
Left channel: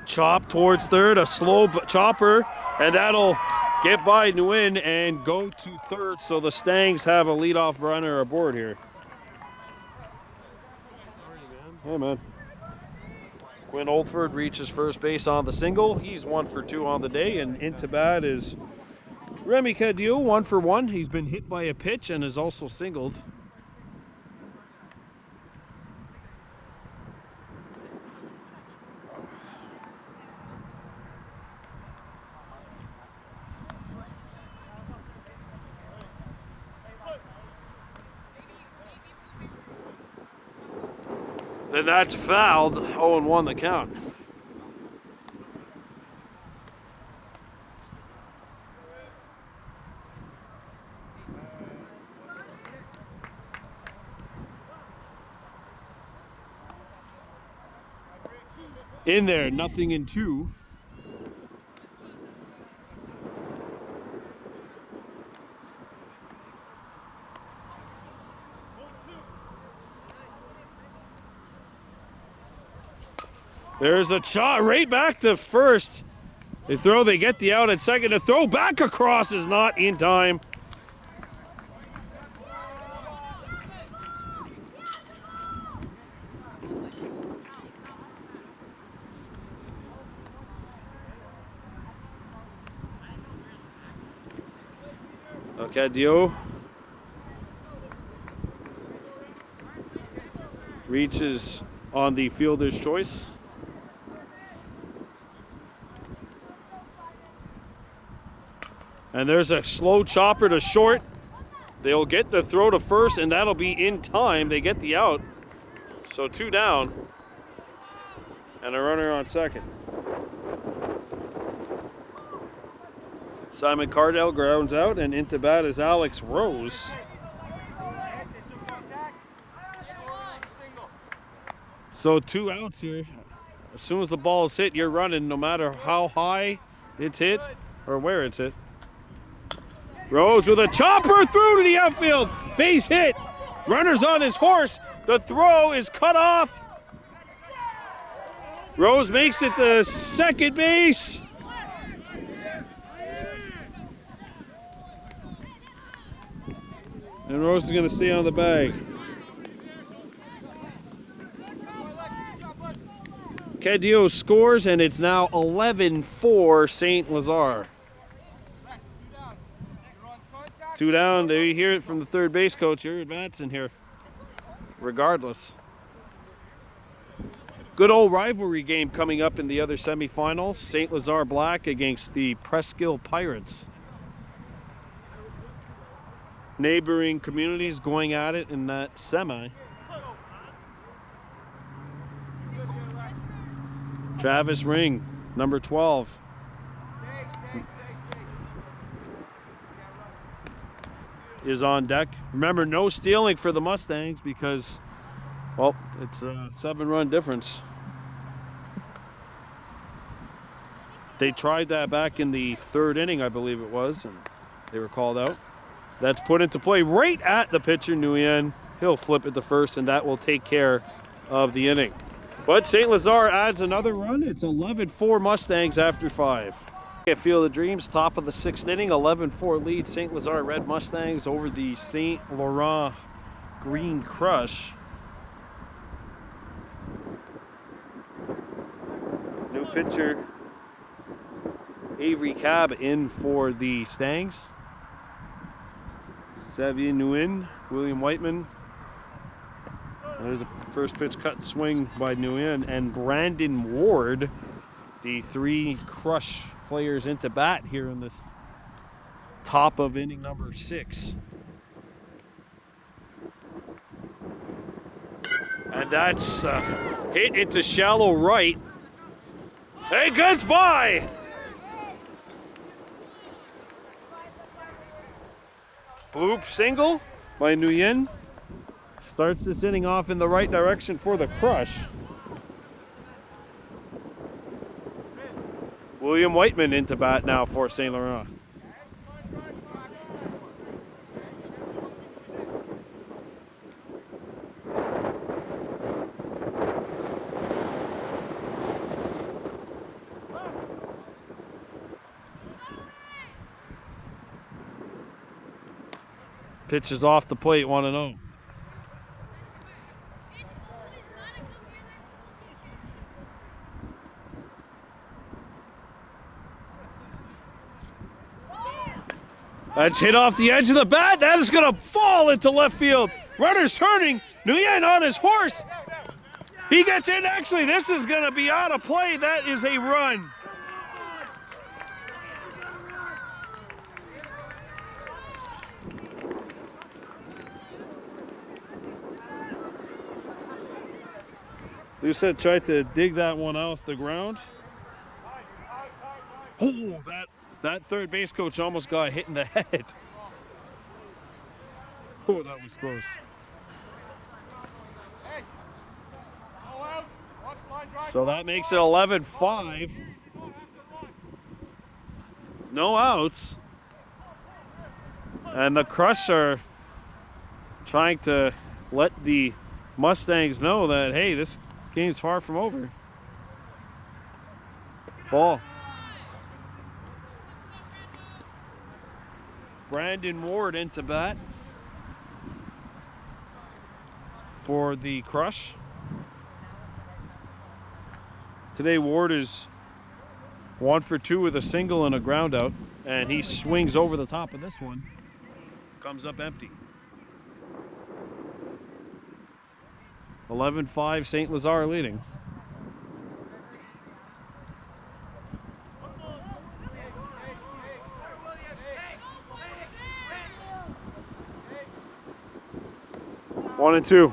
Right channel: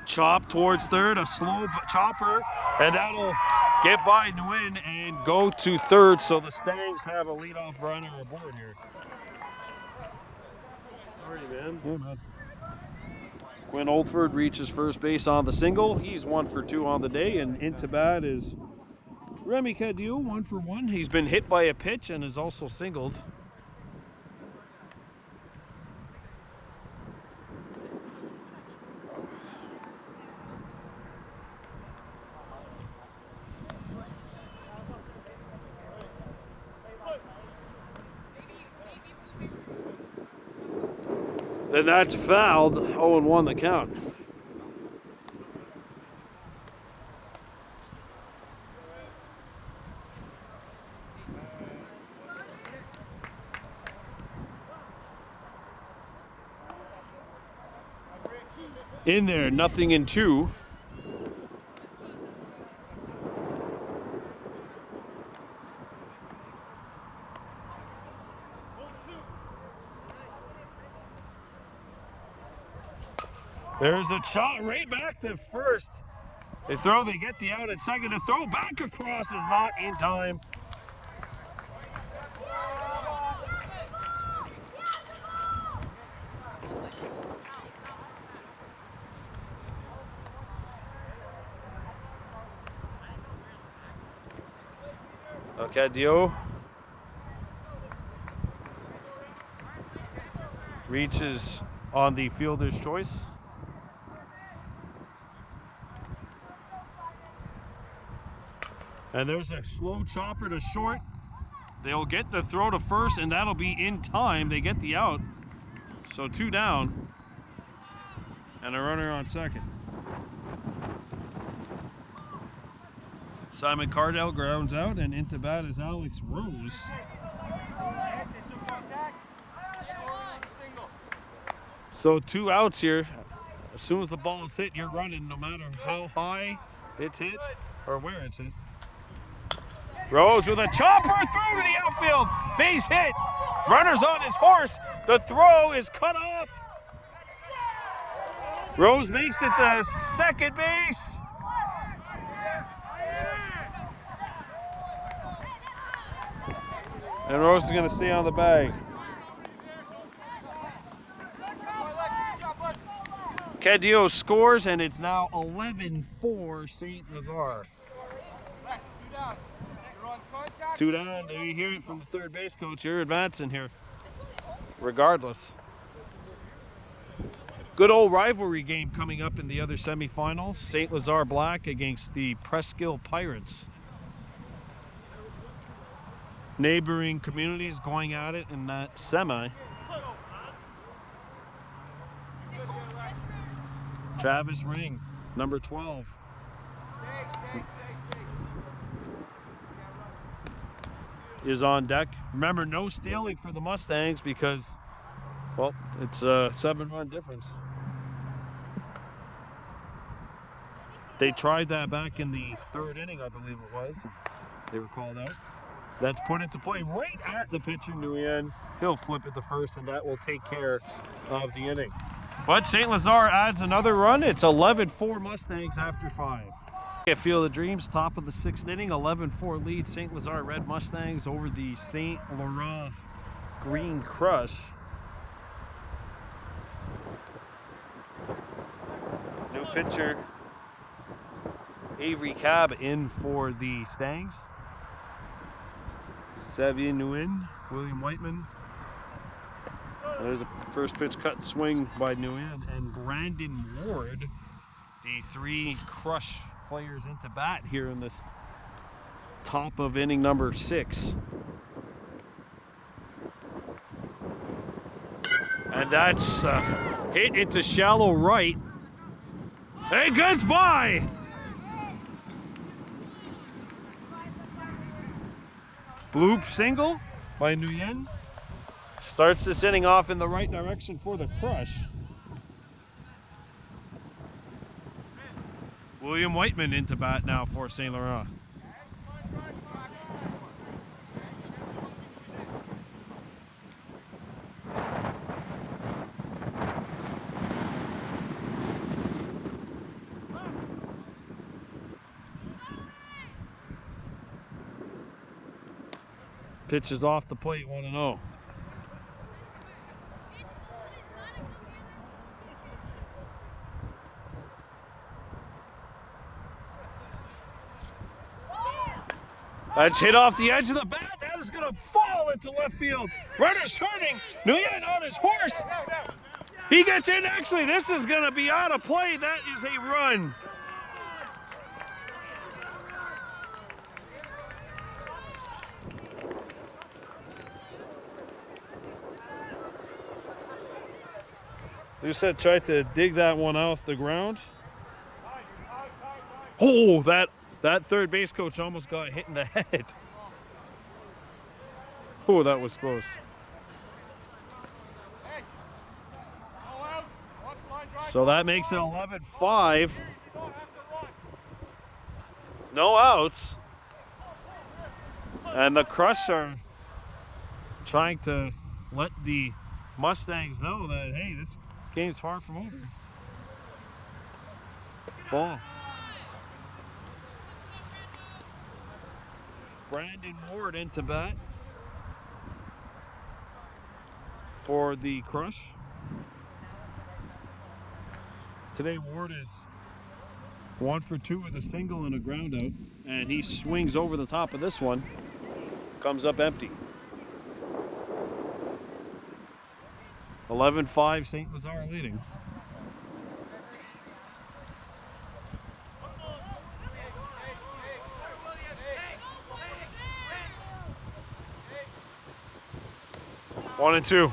Chop towards third, a slow chopper, and that'll get by Nguyen and go to third, so the Stangs have a leadoff runner aboard here. Sorry, man. Yeah, man. Quinn Oldford reaches first base on the single. He's 1 for 2 on the day, and into bat is Remy Cadieux, 1 for 1. He's been hit by a pitch and is also singled. Then that's fouled. 0-1 the count. In there, 0-2. There's a shot right back to first. They get the out at second. The throw back across is not in time. Cadieux reaches on the fielder's choice. And there's a slow chopper to short. They'll get the throw to first, and that'll be in time. They get the out. So 2 down. And a runner on second. Simon Cardell grounds out, and into bat is Alex Rose. So 2 outs here. As soon as the ball is hit, you're running no matter how high it's hit or where it's hit. Rose with a chopper through to the outfield. Base hit. Runner's on his horse. The throw is cut off. Rose makes it to second base. And Rose is going to stay on the bag. Cadieux scores, and it's now 11-4 St. Lazare. 2 down. There you hear it from the third base coach. You're advancing here, regardless. Good old rivalry game coming up in the other semifinal. St. Lazare Black against the Presqu'île Pirates. Neighboring communities going at it in that semi. Travis Ring, number 12. Is on deck. Remember, no stealing for the Mustangs because, well, it's a 7-run difference. They tried that back in the 3rd inning, I believe it was, and they were called out. That's put into play right at the pitcher, Nguyen. He'll flip it to first, and that will take care of the inning. But St. Lazare adds another run. It's 11-4 Mustangs after 5. At Field of Dreams, top of the 6th inning, 11-4 lead. St. Lazare Red Mustangs over the St. Laurent Green Crush. New pitcher, Avery Cab in for the Stangs. Xavier Nguyen, William Whiteman. There's the first pitch cut swing by Nguyen, and Brandon Ward, the 3 Crush players into bat here in this top of inning number 6. And that's hit into shallow right. Hey, gets by! Bloop single by Nguyen. Starts this inning off in the right direction for the Crush. William Whiteman into bat now for St. Laurent. Pitch is off the plate, 1-0. That's hit off the edge of the bat. That is going to fall into left field. Runner's turning. Nguyen on his horse. He gets in. Actually, this is going to be out of play. That is a run. Lucette tried to dig that one off the ground. Oh, that third base coach almost got hit in the head. Oh, that was close. So that makes it 11-5. No outs. And the Crush are trying to let the Mustangs know that, hey, this game's far from over. Ball. Brandon Ward into bat for the Crush. Today Ward is 1 for 2 with a single and a ground out, and he swings over the top of this one. Comes up empty. 11-5, St. Lazare leading. One and two.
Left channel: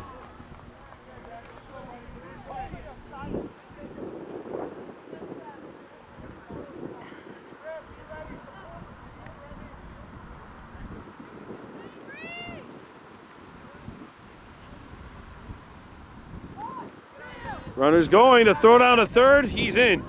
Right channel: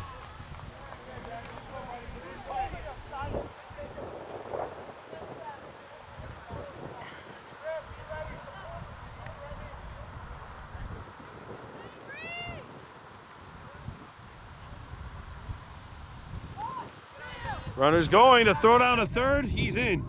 Runner's going to throw down a third. He's in.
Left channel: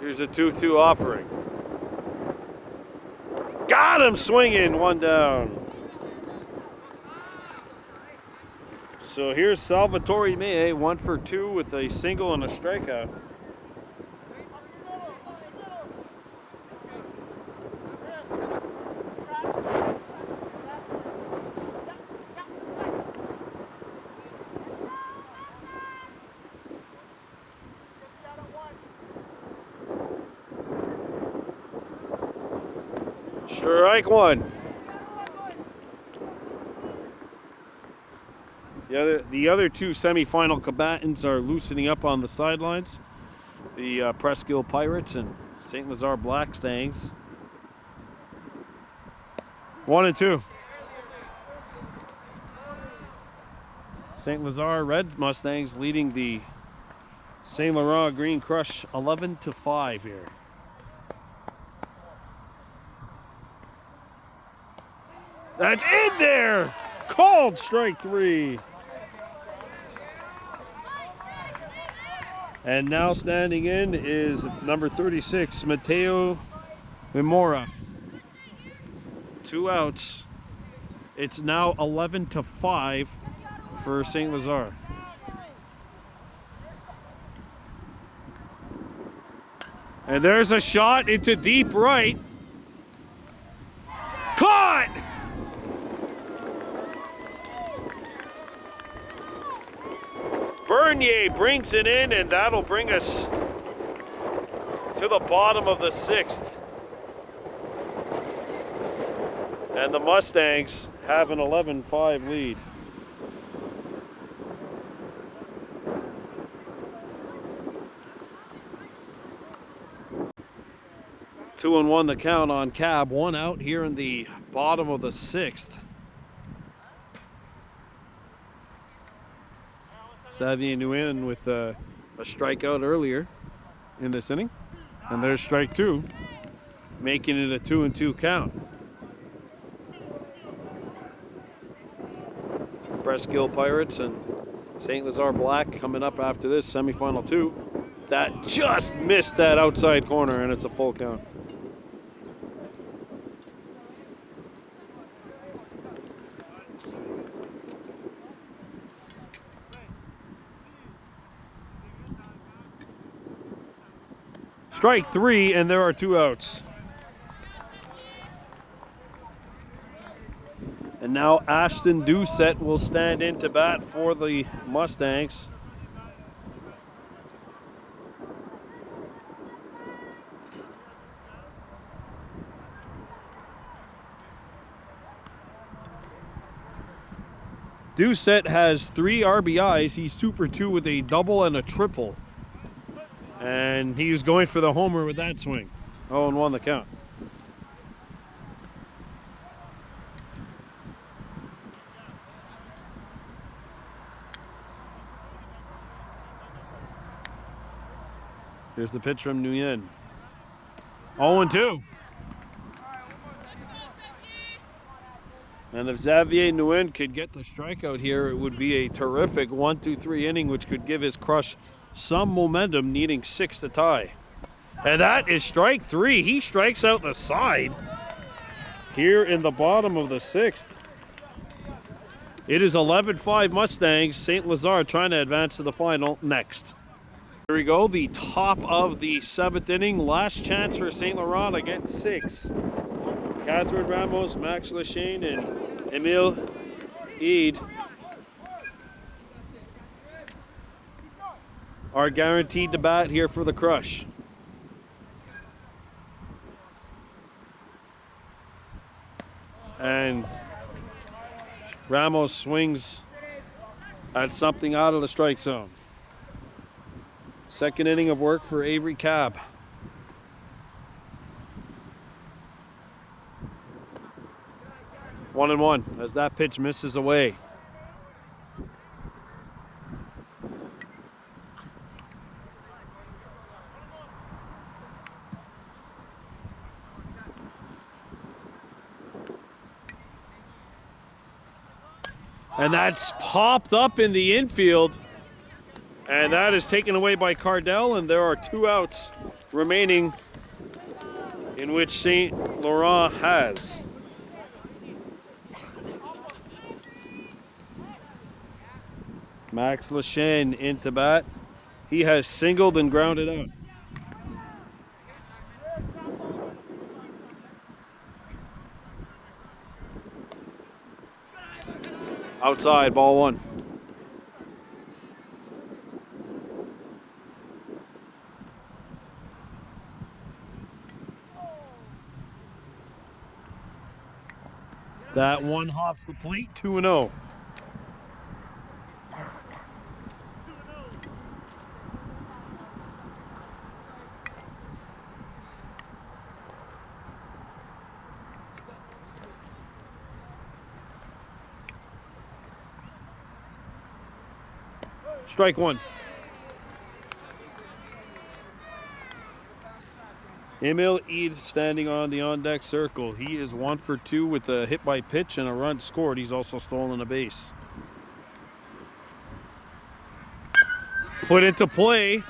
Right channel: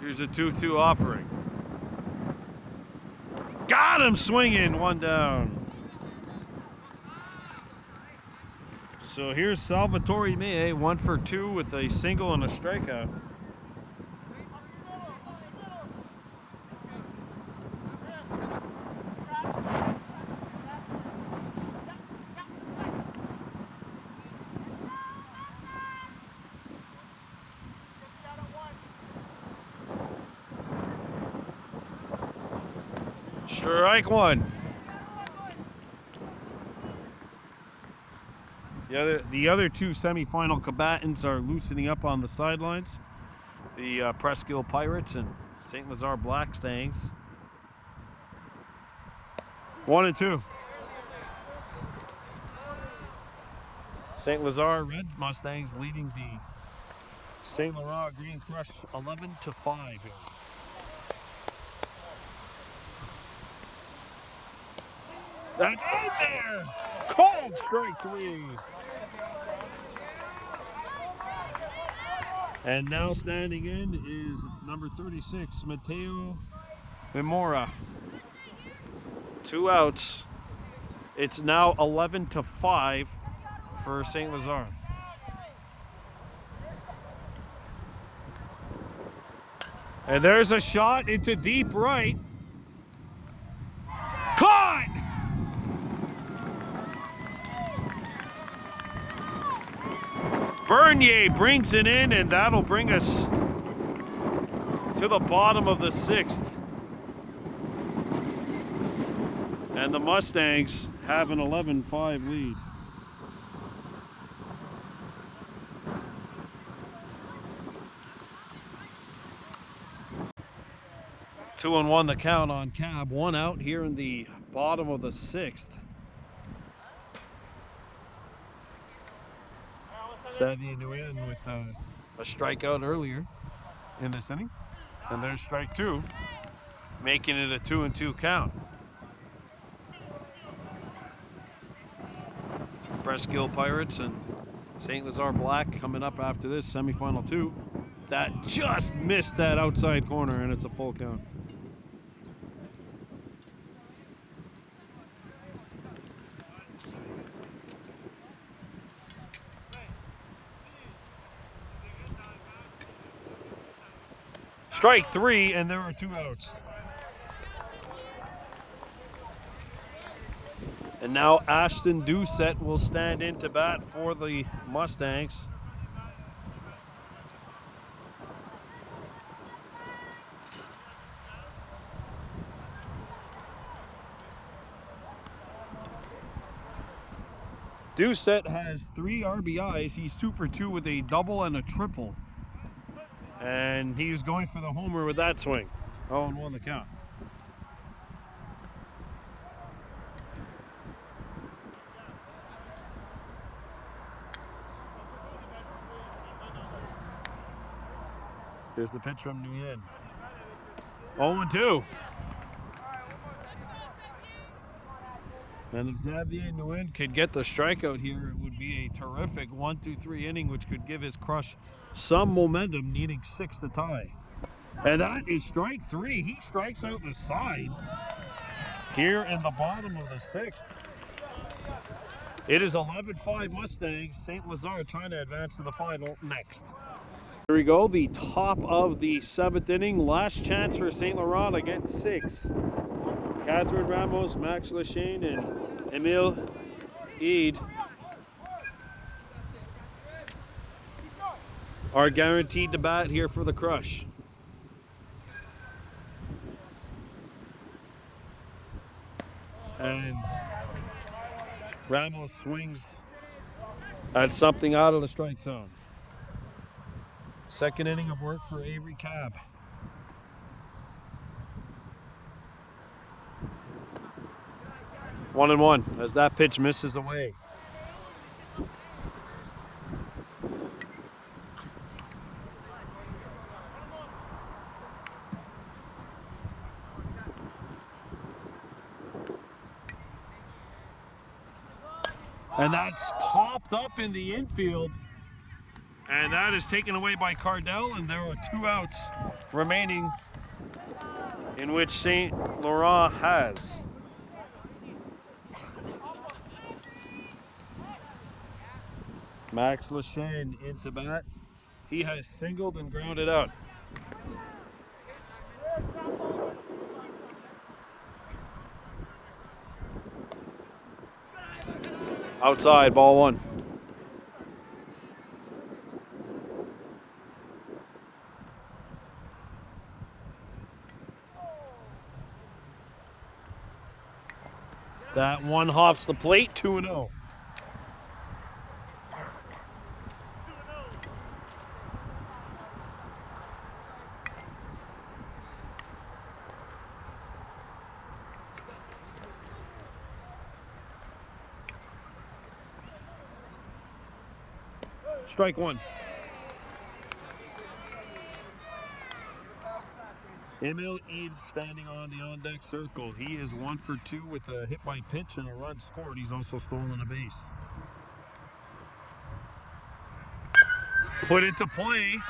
Here's a 2-2 offering. Got him swinging, one down. So here's Salvatore May, 1 for 2 with a single and a strikeout. Strike one. The other two semifinal combatants are loosening up on the sidelines. The Presqu'Île Pirates and St. Lazare Blackstangs. 1 and 2. St. Lazare Red Mustangs leading the St. Laurent Green Crush 11-5 here. That's in there! Called strike 3. And now standing in is number 36, Mateo Mimora. 2 outs. It's now 11-5 for St. Lazare. And there's a shot into deep right. Caught! Bernier brings it in, and that'll bring us to the bottom of the 6th. And the Mustangs have an 11-5 lead. Two and one the count on Cab. One out here in the bottom of the 6th. Xavier Nguyen with a strikeout earlier in this inning. And there's strike two, making it a 2-2 count. Presskill Pirates and St. Lazare Black coming up after this, semifinal 2. That just missed that outside corner, and it's a full count. Strike 3, and there are 2 outs. And now Ashton Doucette will stand in to bat for the Mustangs. Doucette has 3 RBIs. He's 2 for 2 with a double and a triple. And he was going for the homer with that swing. 0-1 the count. Here's the pitch from Nguyen. 0-2. And if Xavier Nguyen could get the strikeout here, it would be a terrific 1-2-3 inning, which could give his crush some momentum, needing 6 to tie. And that is strike 3. He strikes out the side here in the bottom of the 6th. It is 11-5 Mustangs. St. Lazare trying to advance to the final next. Here we go, the top of the 7th inning. Last chance for St. Laurent against 6. Catherine Ramos, Max Lachane, and Emile Eid are guaranteed to bat here for the Crush. And Ramos swings at something out of the strike zone. Second inning of work for Avery Cab. One and one as that pitch misses away. And that's popped up in the infield. And that is taken away by Cardell, and there are 2 outs remaining in which St. Laurent has. Max Lachane into bat. He has singled and grounded out. Outside, ball 1. That one hops the plate, 2-0. Strike 1. Emile Eid standing on the on-deck circle. He is 1 for 2 with a hit by pitch and a run scored. He's also stolen a base. Put into play.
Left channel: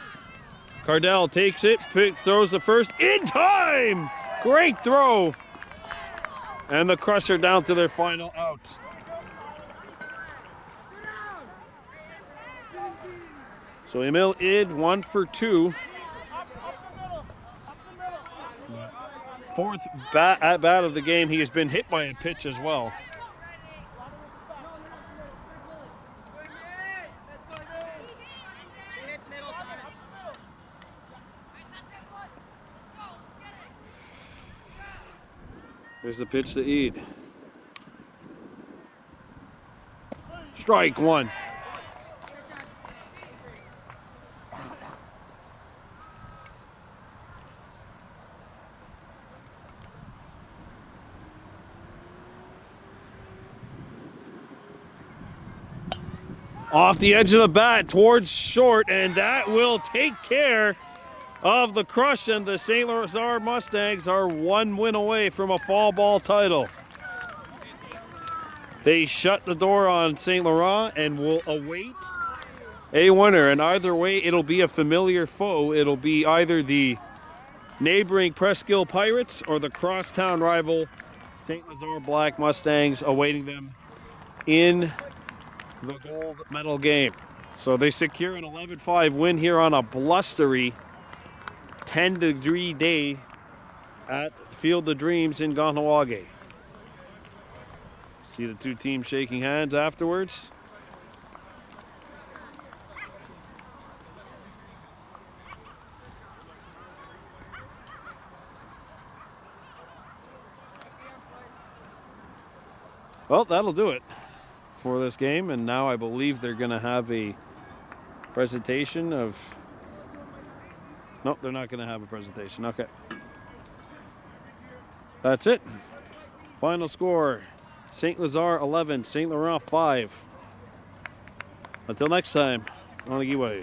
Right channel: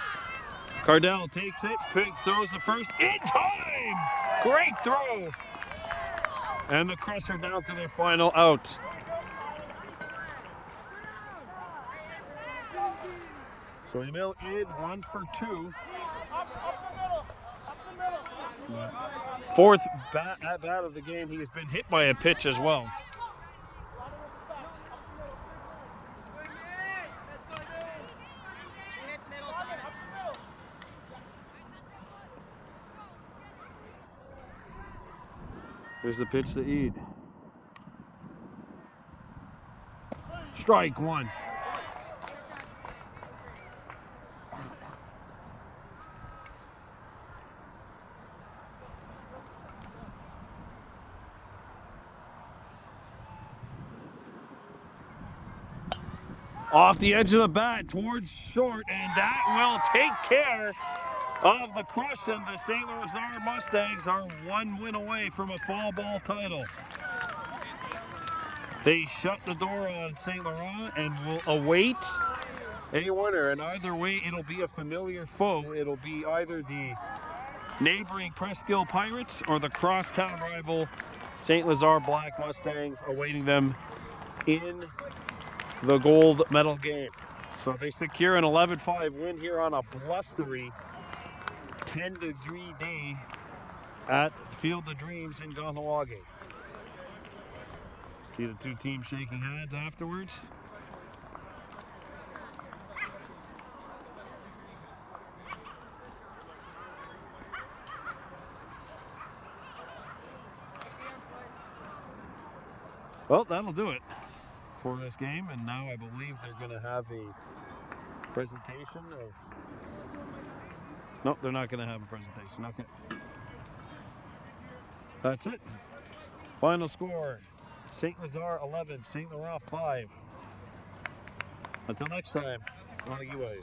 Cardell takes it, throws the first in time. Great throw. And the Crush are down to their final out. So Emile Eid 1 for 2. 4th at bat of the game. He has been hit by a pitch as well. Here's the pitch to Eid. Strike one. Off the edge of the bat towards short, and that will take care of the crush, and the St. Lazare Mustangs are 1 win away from a fall ball title. They shut the door on St. Laurent and will await a winner, and either way it'll be a familiar foe. It'll be either the neighboring Presqu'Île Pirates or the crosstown rival St. Lazare Black Mustangs awaiting them in the gold medal game. So they secure an 11-5 win here on a blustery 10-degree day at Field of Dreams in Kahnawake. See the two teams shaking hands afterwards. Well, that'll do it for this game, and now I believe they're going to have a presentation of... Nope, they're not going to have a presentation. Okay. That's it. Final score, St. Lazare 11, St. Laurent 5. Until next time, on the giveaway.